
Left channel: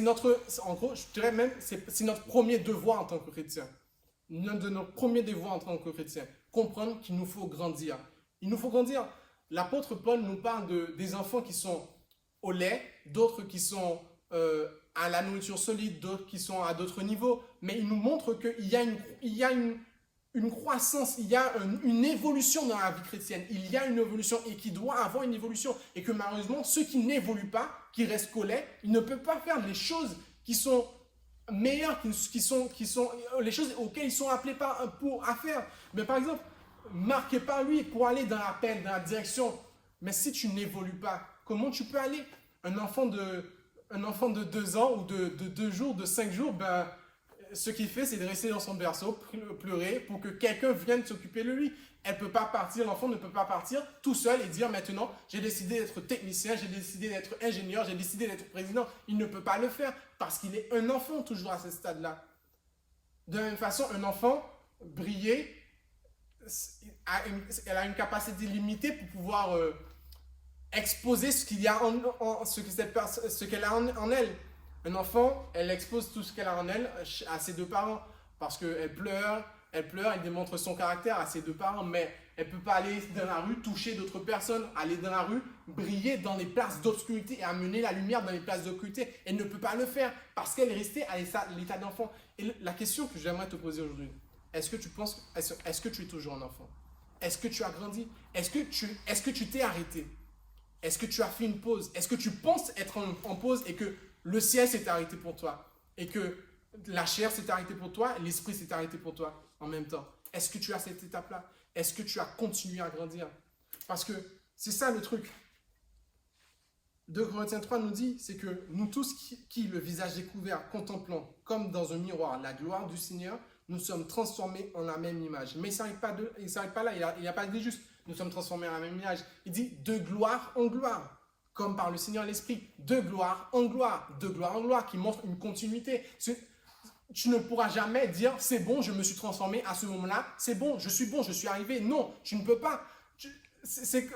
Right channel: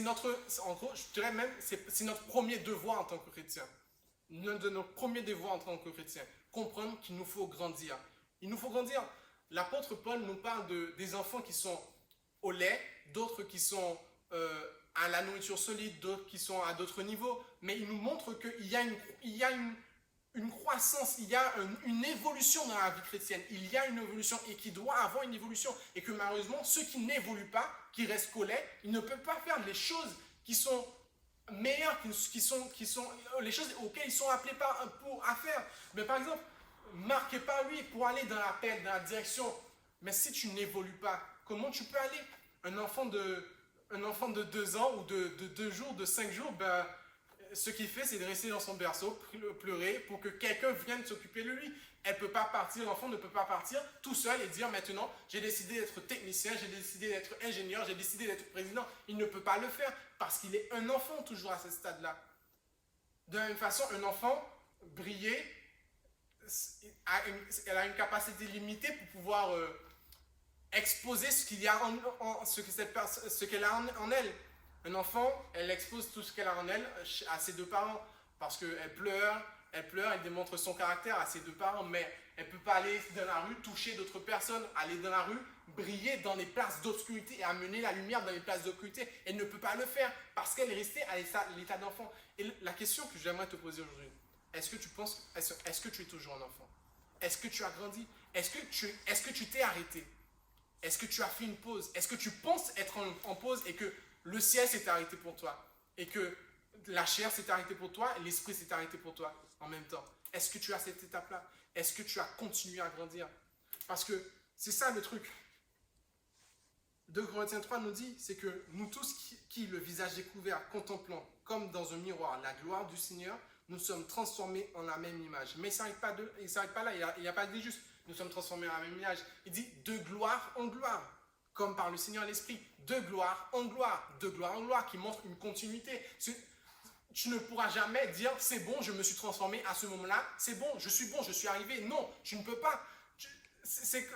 notre, en gros, je dirais même, c'est notre premier devoir en tant que chrétien. L'un de nos premiers devoirs en tant que chrétien. Comprendre qu'il nous faut grandir. Il nous faut grandir. L'apôtre Paul nous parle des enfants qui sont au lait, d'autres qui sont à la nourriture solide, d'autres qui sont à d'autres niveaux. Mais il nous montre qu'il y a une croissance, il y a une évolution dans la vie chrétienne. Il y a une évolution et qui doit avoir une évolution. Et que malheureusement, ceux qui n'évoluent pas, qui restent qu'au lait, ils ne peuvent pas faire les choses qui sont meilleures, qui sont les choses auxquelles ils sont appelés à faire. Mais par exemple, marqué par lui pour aller dans la paix, dans la direction. Mais si tu n'évolues pas, comment tu peux aller? Un enfant de 2 ans ou de 2 jours, de 5 jours, ben, ce qu'il fait, c'est de rester dans son berceau, pleurer pour que quelqu'un vienne s'occuper de lui. Elle peut pas partir, l'enfant ne peut pas partir tout seul et dire maintenant, j'ai décidé d'être technicien, j'ai décidé d'être ingénieur, j'ai décidé d'être président. Il ne peut pas le faire parce qu'il est un enfant toujours à ce stade-là. De la même façon, un enfant, briller, elle a une capacité limitée pour pouvoir exposer ce qu'il y a ce qu'elle a en elle. Un enfant, elle expose tout ce qu'elle a en elle à ses 2 parents parce qu'elle pleure, elle démontre son caractère à ses 2 parents, mais elle ne peut pas aller dans la rue toucher d'autres personnes, aller dans la rue, briller dans les places d'obscurité et amener la lumière dans les places d'obscurité. Elle ne peut pas le faire parce qu'elle est restée à l'état d'enfant. Et la question que j'aimerais te poser aujourd'hui, est-ce que tu es toujours un enfant? Est-ce que tu as grandi? Est-ce que tu t'es arrêté? Est-ce que tu as fait une pause? Est-ce que tu penses être en pause et que le ciel s'est arrêté pour toi? Et que la chair s'est arrêtée pour toi, l'esprit s'est arrêté pour toi en même temps? Est-ce que tu as cette étape-là? Est-ce que tu as continué à grandir? Parce que c'est ça le truc. 2 Corinthiens 3 nous dit, c'est que nous tous qui, le visage découvert, contemplant comme dans un miroir la gloire du Seigneur, nous sommes transformés en la même image. Mais il ne s'arrête pas là, il n'y a pas de juste. Nous sommes transformés en la même image. Il dit de gloire en gloire, comme par le Seigneur l'Esprit, de gloire en gloire, qui montre une continuité. tu ne pourras jamais dire c'est bon, je me suis transformé à ce moment-là, c'est bon, je suis arrivé. Non, tu ne peux pas. C'est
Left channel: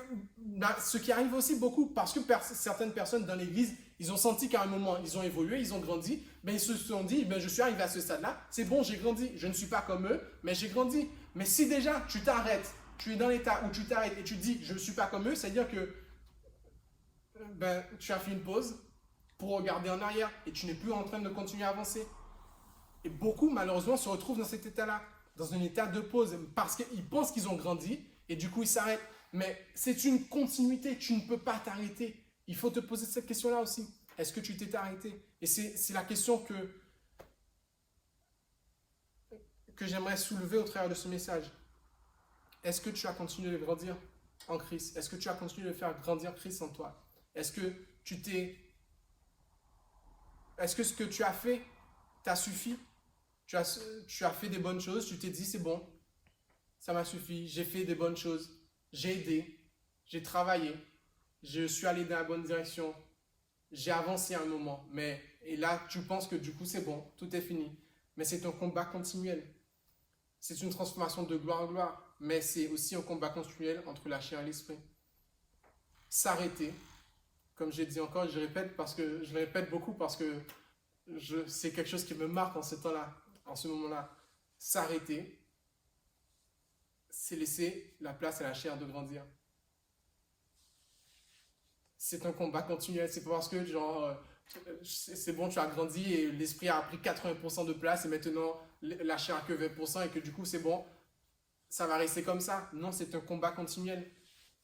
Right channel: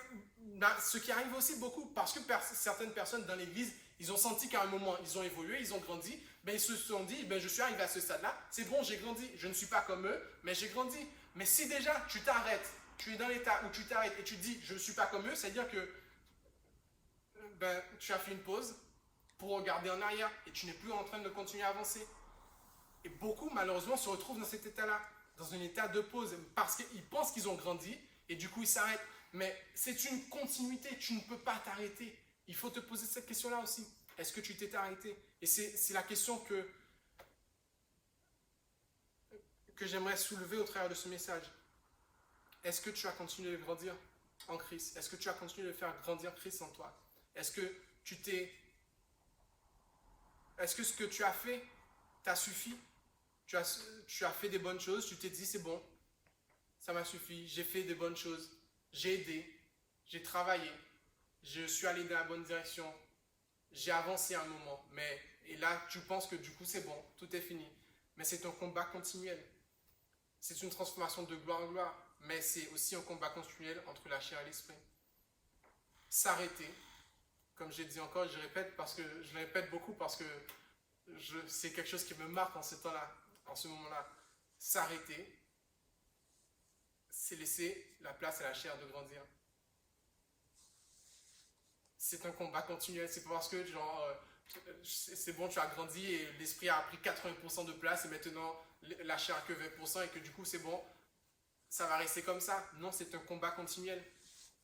ce qui arrive aussi beaucoup parce que certaines personnes dans l'église, ils ont senti qu'à un moment, ils ont évolué, ils ont grandi, ben ils se sont dit, ben je suis arrivé à ce stade-là, c'est bon, j'ai grandi, je ne suis pas comme eux, mais j'ai grandi. Mais si déjà tu t'arrêtes, tu es dans l'état où tu t'arrêtes et tu dis je ne suis pas comme eux, c'est-à-dire que ben, tu as fait une pause pour regarder en arrière et tu n'es plus en train de continuer à avancer. Et beaucoup, malheureusement, se retrouvent dans cet état-là, dans un état de pause, parce qu'ils pensent qu'ils ont grandi et du coup, ils s'arrêtent. Mais c'est une continuité, tu ne peux pas t'arrêter. Il faut te poser cette question-là aussi. Est-ce que tu t'es arrêté? Et c'est la question que j'aimerais soulever au travers de ce message. Est-ce que tu as continué de grandir en Christ? Est-ce que tu as continué de faire grandir Christ en toi? Est-ce que Est-ce que ce que tu as fait t'a suffi? Tu as fait des bonnes choses, tu t'es dit c'est bon, ça m'a suffi, j'ai fait des bonnes choses, j'ai aidé, j'ai travaillé, je suis allé dans la bonne direction, j'ai avancé un moment, et là tu penses que du coup c'est bon, tout est fini. Mais c'est un combat continuel. C'est une transformation de gloire en gloire, mais c'est aussi un combat continuel entre la chair et l'esprit. S'arrêter, comme j'ai dit encore, je le répète beaucoup parce que c'est quelque chose qui me marque en ce temps-là, en ce moment-là. S'arrêter, c'est laisser la place à la chair de grandir. C'est un combat continuel. C'est pas parce que c'est bon, tu as grandi et l'esprit a pris 80% de place et maintenant la chair a que 20% et que du coup c'est bon, ça va rester comme ça. Non, c'est un combat continuel.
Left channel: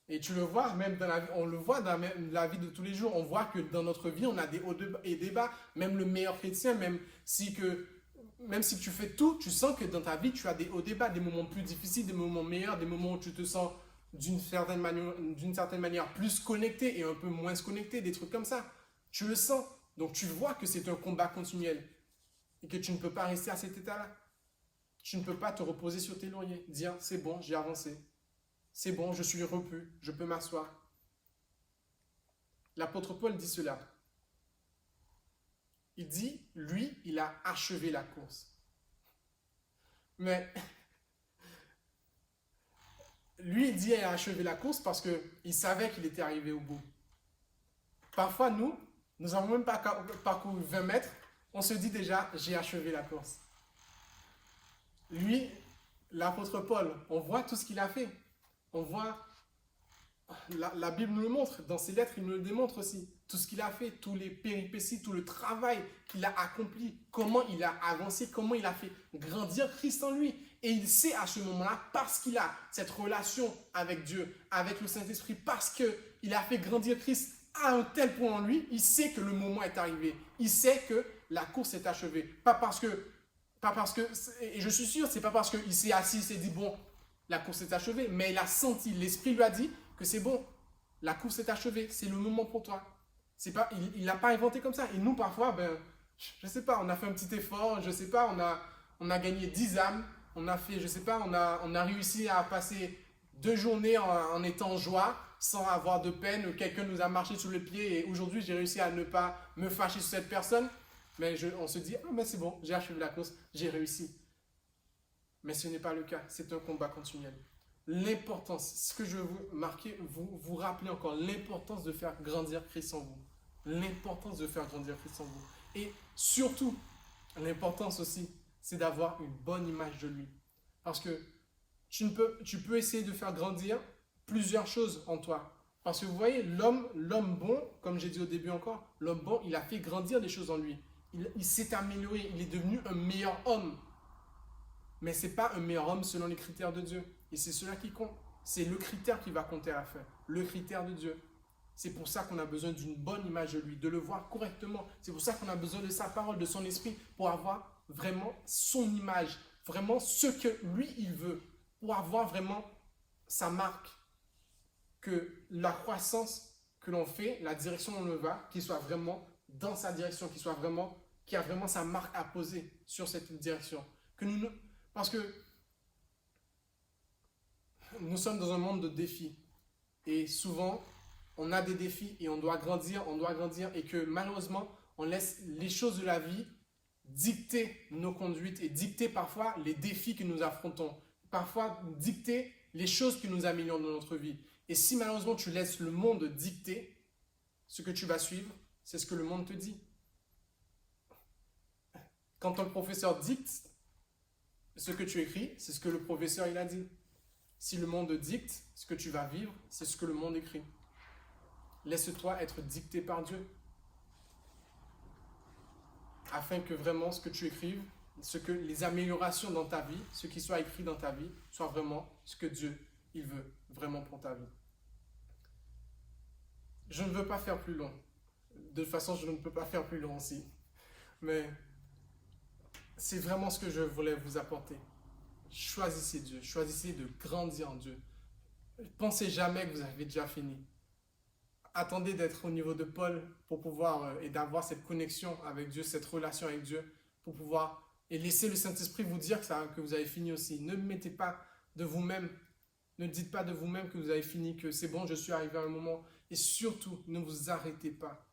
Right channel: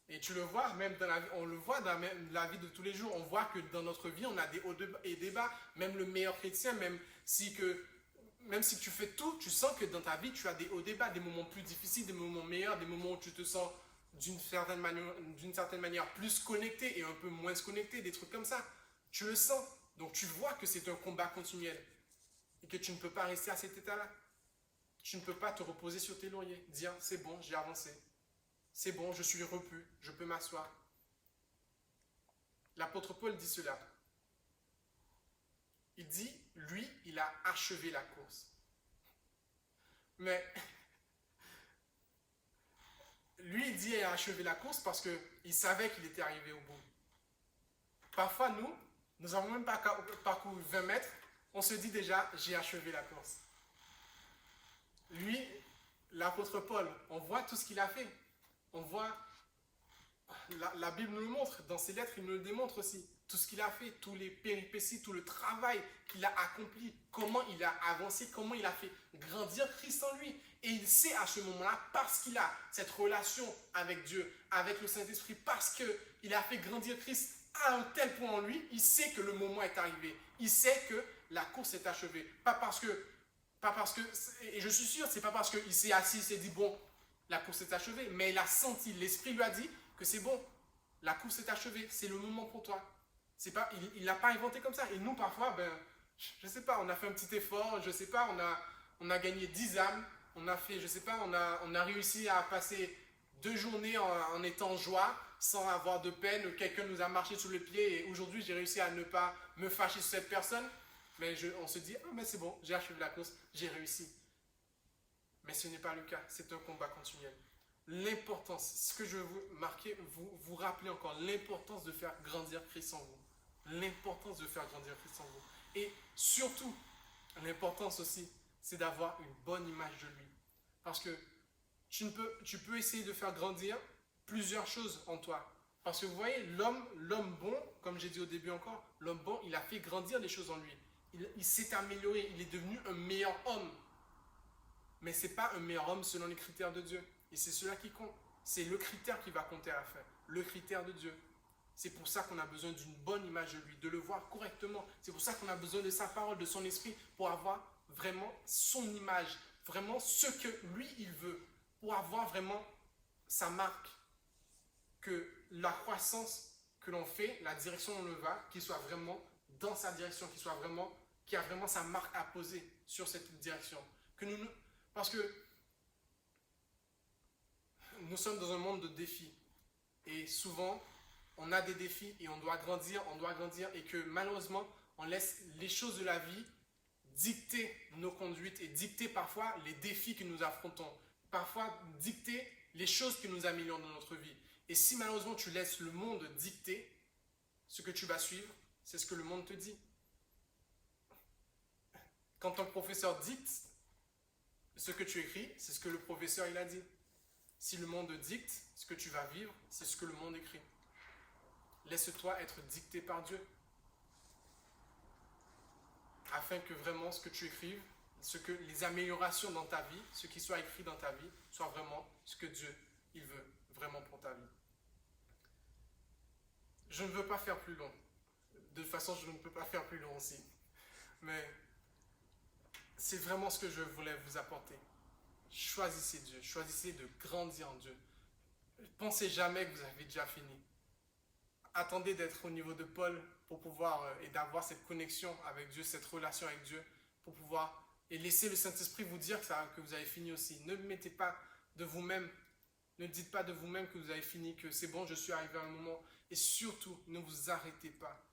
Et tu le vois, même dans la vie, on le voit dans la vie de tous les jours. On voit que dans notre vie, on a des hauts et des bas. Même le meilleur chrétien, même si tu fais tout, tu sens que dans ta vie, tu as des hauts et des bas, des moments plus difficiles, des moments meilleurs, des moments où tu te sens d'une certaine manière plus connecté et un peu moins connecté, des trucs comme ça. Tu le sens. Donc tu vois que c'est un combat continuel et que tu ne peux pas rester à cet état-là. Tu ne peux pas te reposer sur tes lauriers, dire c'est bon, j'ai avancé. C'est bon, je suis repu, je peux m'asseoir. L'apôtre Paul dit cela. Il dit, lui, il a achevé la course. Mais lui, il dit qu'il a achevé la course parce qu'il savait qu'il était arrivé au bout. Parfois, nous n'avons même pas parcouru 20 mètres, on se dit déjà, j'ai achevé la course. Lui, l'apôtre Paul, on voit tout ce qu'il a fait. On voit, la Bible nous le montre, dans ses lettres, il nous le démontre aussi. Tout ce qu'il a fait, tous les péripéties, tout le travail qu'il a accompli, comment il a avancé, comment il a fait grandir Christ en lui. Et il sait à ce moment-là, parce qu'il a cette relation avec Dieu, avec le Saint-Esprit, parce qu'il a fait grandir Christ à un tel point en lui, il sait que le moment est arrivé. Il sait que la course est achevée. Pas parce que, et je suis sûr, c'est pas parce qu'il s'est assis, il s'est dit, bon, la course est achevée, mais il a senti, l'Esprit lui a dit que c'est bon, la course est achevée, c'est le moment pour toi. Il l'a pas inventé comme ça. Et nous, parfois, je sais pas, on a fait un petit effort, je sais pas, on a gagné 10 âmes, on a fait, je sais pas, on a réussi à passer 2 journées en étant en joie, sans avoir de peine, quelqu'un nous a marché sous le pied et aujourd'hui j'ai réussi à ne pas me fâcher sur cette personne. Mais on se dit, ah mais c'est bon, j'ai achevé la course, j'ai réussi. Mais ce n'est pas le cas, c'est un combat continuel. L'importance, ce que je veux vous marquer, vous rappeler encore, l'importance de faire grandir Christ en vous. L'importance de faire grandir Christ en vous. Et surtout, l'importance aussi, c'est d'avoir une bonne image de lui. Parce que tu peux essayer de faire grandir plusieurs choses en toi. Parce que vous voyez, l'homme bon, comme j'ai dit au début encore, l'homme bon, il a fait grandir des choses en lui. Il s'est amélioré, il est devenu un meilleur homme. Mais ce n'est pas un meilleur homme selon les critères de Dieu. Et c'est cela qui compte. C'est le critère qui va compter à la fin. Le critère de Dieu. C'est pour ça qu'on a besoin d'une bonne image de lui, de le voir correctement. C'est pour ça qu'on a besoin de sa parole, de son esprit, pour avoir vraiment son image, vraiment ce que lui, il veut, pour avoir vraiment sa marque. Que la croissance que l'on fait, la direction où on va, qu'il soit vraiment dans sa direction, qu'il y a vraiment sa marque à poser sur cette direction. Parce que nous sommes dans un monde de défis. Et souvent, on a des défis et on doit grandir, et que malheureusement, on laisse les choses de la vie dicter nos conduites et dicter parfois les défis que nous affrontons. Parfois dicter les choses que nous améliorons dans notre vie. Et si malheureusement tu laisses le monde dicter ce que tu vas suivre, c'est ce que le monde te dit. Quand ton professeur dicte ce que tu écris, c'est ce que le professeur il a dit. Si le monde dicte ce que tu vas vivre, c'est ce que le monde écrit. Laisse-toi être dicté par Dieu. Afin que vraiment ce que tu écrives, les améliorations dans ta vie, ce qui soit écrit dans ta vie, soit vraiment ce que Dieu il veut vraiment pour ta vie. Je ne veux pas faire plus long. De toute façon, je ne peux pas faire plus long aussi. Mais c'est vraiment ce que je voulais vous apporter. Choisissez Dieu. Choisissez de grandir en Dieu. Pensez jamais que vous avez déjà fini. Attendez d'être au niveau de Paul pour pouvoir et d'avoir cette connexion avec Dieu, cette relation avec Dieu, pour pouvoir et laisser le Saint-Esprit vous dire que vous avez fini aussi. Ne mettez pas de vous-même, ne dites pas de vous-même que vous avez fini, que c'est bon, je suis arrivé à un moment. Et surtout, ne vous arrêtez pas.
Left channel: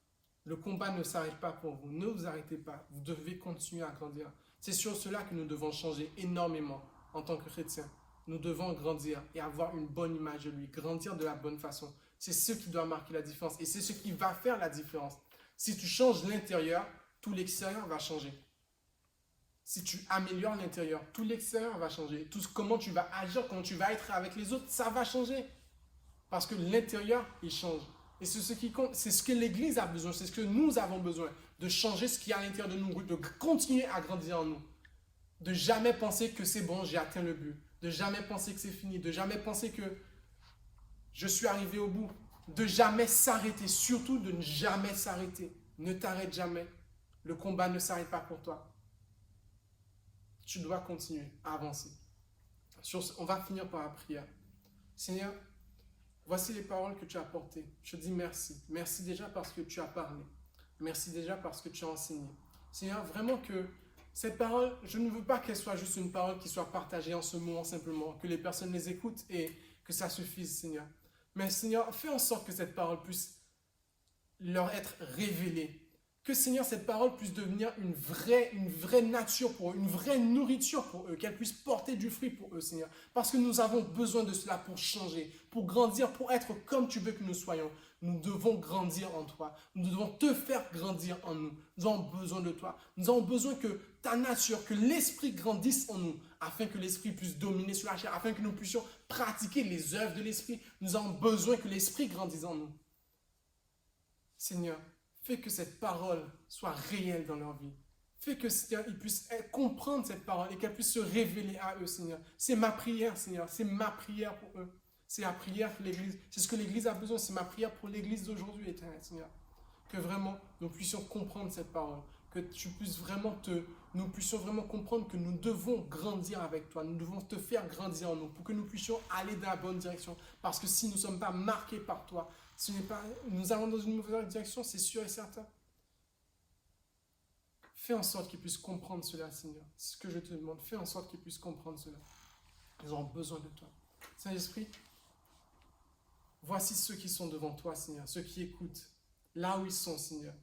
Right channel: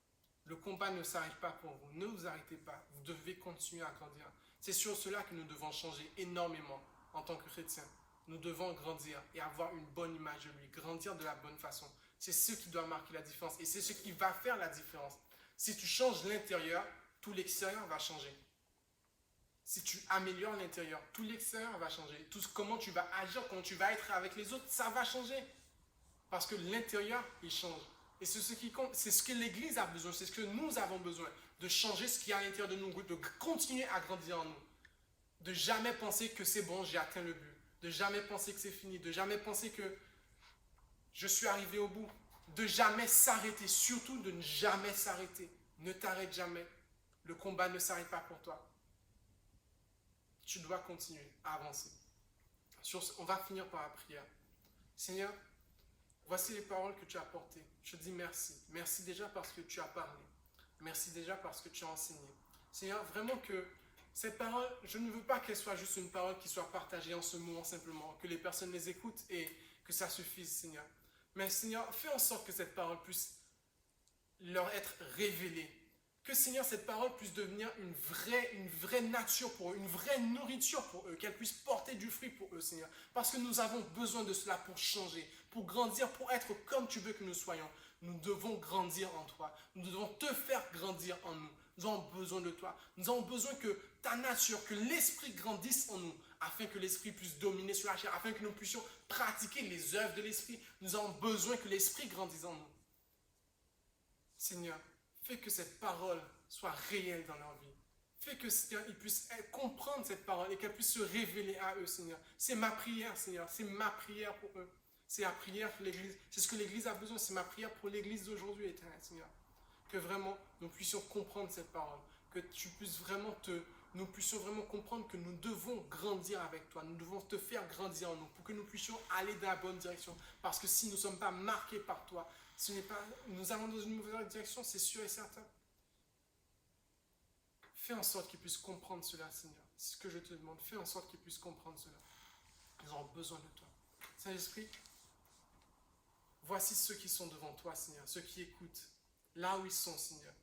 Le combat ne s'arrête pas pour vous. Ne vous arrêtez pas. Vous devez continuer à grandir. C'est sur cela que nous devons changer énormément en tant que chrétiens. Nous devons grandir et avoir une bonne image de lui, grandir de la bonne façon. C'est ce qui doit marquer la différence et c'est ce qui va faire la différence. Si tu changes l'intérieur, tout l'extérieur va changer. Si tu améliores l'intérieur, tout l'extérieur va changer. Tout comment tu vas agir, comment tu vas être avec les autres, ça va changer. Parce que l'intérieur, il change. Et c'est ce qui compte, c'est ce que l'Église a besoin, c'est ce que nous avons besoin, de changer ce qui est à l'intérieur de nous, de continuer à grandir en nous. De jamais penser que c'est bon, j'ai atteint le but. De jamais penser que c'est fini. De jamais penser que je suis arrivé au bout. De jamais s'arrêter. Surtout de ne jamais s'arrêter. Ne t'arrête jamais. Le combat ne s'arrête pas pour toi. Tu dois continuer à avancer. On va finir par la prière. Seigneur, voici les paroles que tu as portées. Je te dis merci. Merci déjà parce que tu as parlé. Merci déjà parce que tu as enseigné. Seigneur, vraiment que cette parole, je ne veux pas qu'elle soit juste une parole qui soit partagée en ce moment simplement, que les personnes les écoutent et que ça suffise, Seigneur. Mais Seigneur, fais en sorte que cette parole puisse leur être révélée. Que Seigneur, cette parole puisse devenir une vraie nature pour eux, une vraie nourriture pour eux, qu'elle puisse porter du fruit pour eux, Seigneur. Parce que nous avons besoin de cela pour changer, pour grandir, pour être comme tu veux que nous soyons. Nous devons grandir en toi. Nous devons te faire grandir en nous. Nous avons besoin de toi. Nous avons besoin que ta nature, que l'esprit grandisse en nous, afin que l'esprit puisse dominer sur la chair, afin que nous puissions pratiquer les œuvres de l'esprit. Nous avons besoin que l'esprit grandisse en nous. Seigneur, fais que cette parole soit réelle dans leur vie. Fais que Seigneur, ils puissent comprendre cette parole et qu'elle puisse se révéler à eux, Seigneur. C'est ma prière, Seigneur. C'est ma prière pour eux. C'est la prière pour l'Église. C'est ce que l'Église a besoin. C'est ma prière pour l'Église d'aujourd'hui, éternel, Seigneur. Que vraiment, nous puissions comprendre cette parole. Que tu puisses vraiment nous puissions vraiment comprendre que nous devons grandir avec toi. Nous devons te faire grandir en nous pour que nous puissions aller dans la bonne direction. Parce que si nous ne sommes pas marqués par toi, nous allons dans une mauvaise direction, c'est sûr et certain. Fais en sorte qu'ils puissent comprendre cela, Seigneur. C'est ce que je te demande. Fais en sorte qu'ils puissent comprendre cela. Ils ont besoin de toi. Saint-Esprit, voici ceux qui sont devant toi, Seigneur, ceux qui écoutent, là où ils sont, Seigneur.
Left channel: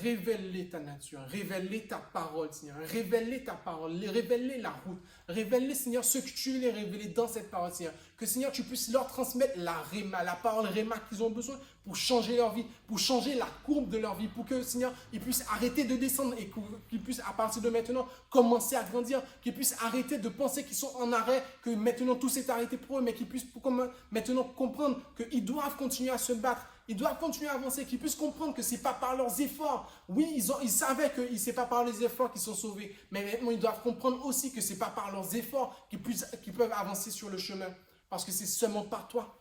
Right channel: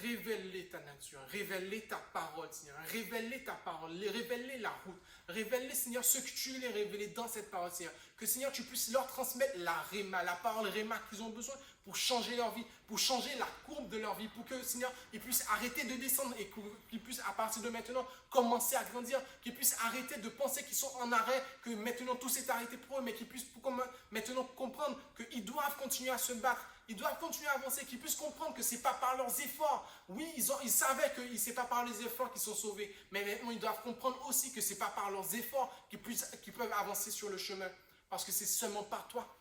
Révèle-les ta nature, révèle-les ta parole, Seigneur. Révèle-les ta parole, révèle-les la route. Révèle-les, Seigneur, ce que tu les révélé dans cette parole, Seigneur. Que, Seigneur, tu puisses leur transmettre la réma, la parole réma qu'ils ont besoin pour changer leur vie, pour changer la courbe de leur vie, pour que, Seigneur, ils puissent arrêter de descendre et qu'ils puissent, à partir de maintenant, commencer à grandir, qu'ils puissent arrêter de penser qu'ils sont en arrêt, que maintenant tout s'est arrêté pour eux, mais qu'ils puissent maintenant comprendre qu'ils doivent continuer à se battre. Ils doivent continuer à avancer, qu'ils puissent comprendre que ce n'est pas par leurs efforts. Oui, ils savaient que ce n'est pas par les efforts qu'ils sont sauvés. Mais maintenant, ils doivent comprendre aussi que ce n'est pas par leurs efforts qu'ils peuvent avancer sur le chemin. Parce que c'est seulement par toi,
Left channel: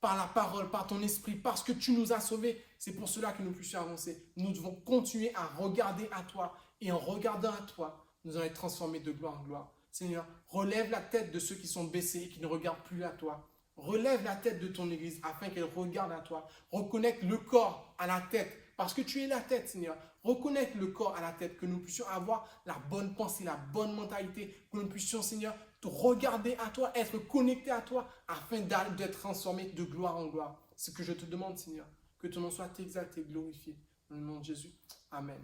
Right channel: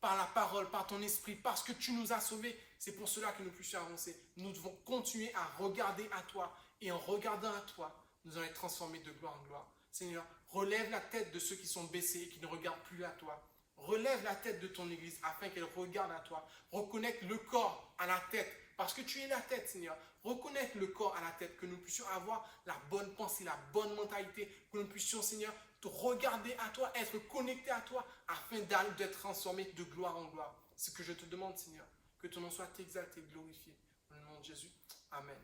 par la parole, par ton esprit, parce que tu nous as sauvés. C'est pour cela que nous puissions avancer. Nous devons continuer à regarder à toi. Et en regardant à toi, nous allons être transformés de gloire en gloire. Seigneur, relève la tête de ceux qui sont baissés et qui ne regardent plus à toi. Relève la tête de ton Église afin qu'elle regarde à toi. Reconnecte le corps à la tête parce que tu es la tête, Seigneur. Reconnecte le corps à la tête, que nous puissions avoir la bonne pensée, la bonne mentalité, que nous puissions, Seigneur, te regarder à toi, être connecté à toi afin d'être transformé de gloire en gloire. C'est ce que je te demande, Seigneur. Que ton nom soit exalté, glorifié. Au nom de Jésus. Amen.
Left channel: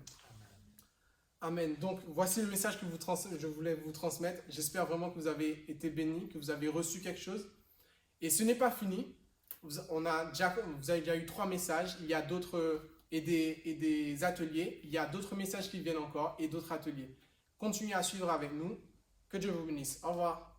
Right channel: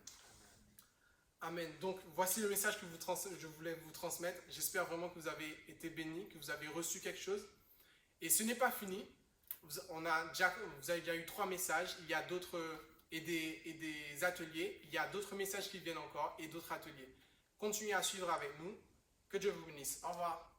Amen. Donc, voici le message que je voulais vous transmettre. J'espère vraiment que vous avez été bénis, que vous avez reçu quelque chose. Et ce n'est pas fini. Vous avez déjà eu 3 messages. Il y a d'autres et des ateliers. Il y a d'autres messages qui viennent encore et d'autres ateliers. Continuez à suivre avec nous. Que Dieu vous bénisse. Au revoir.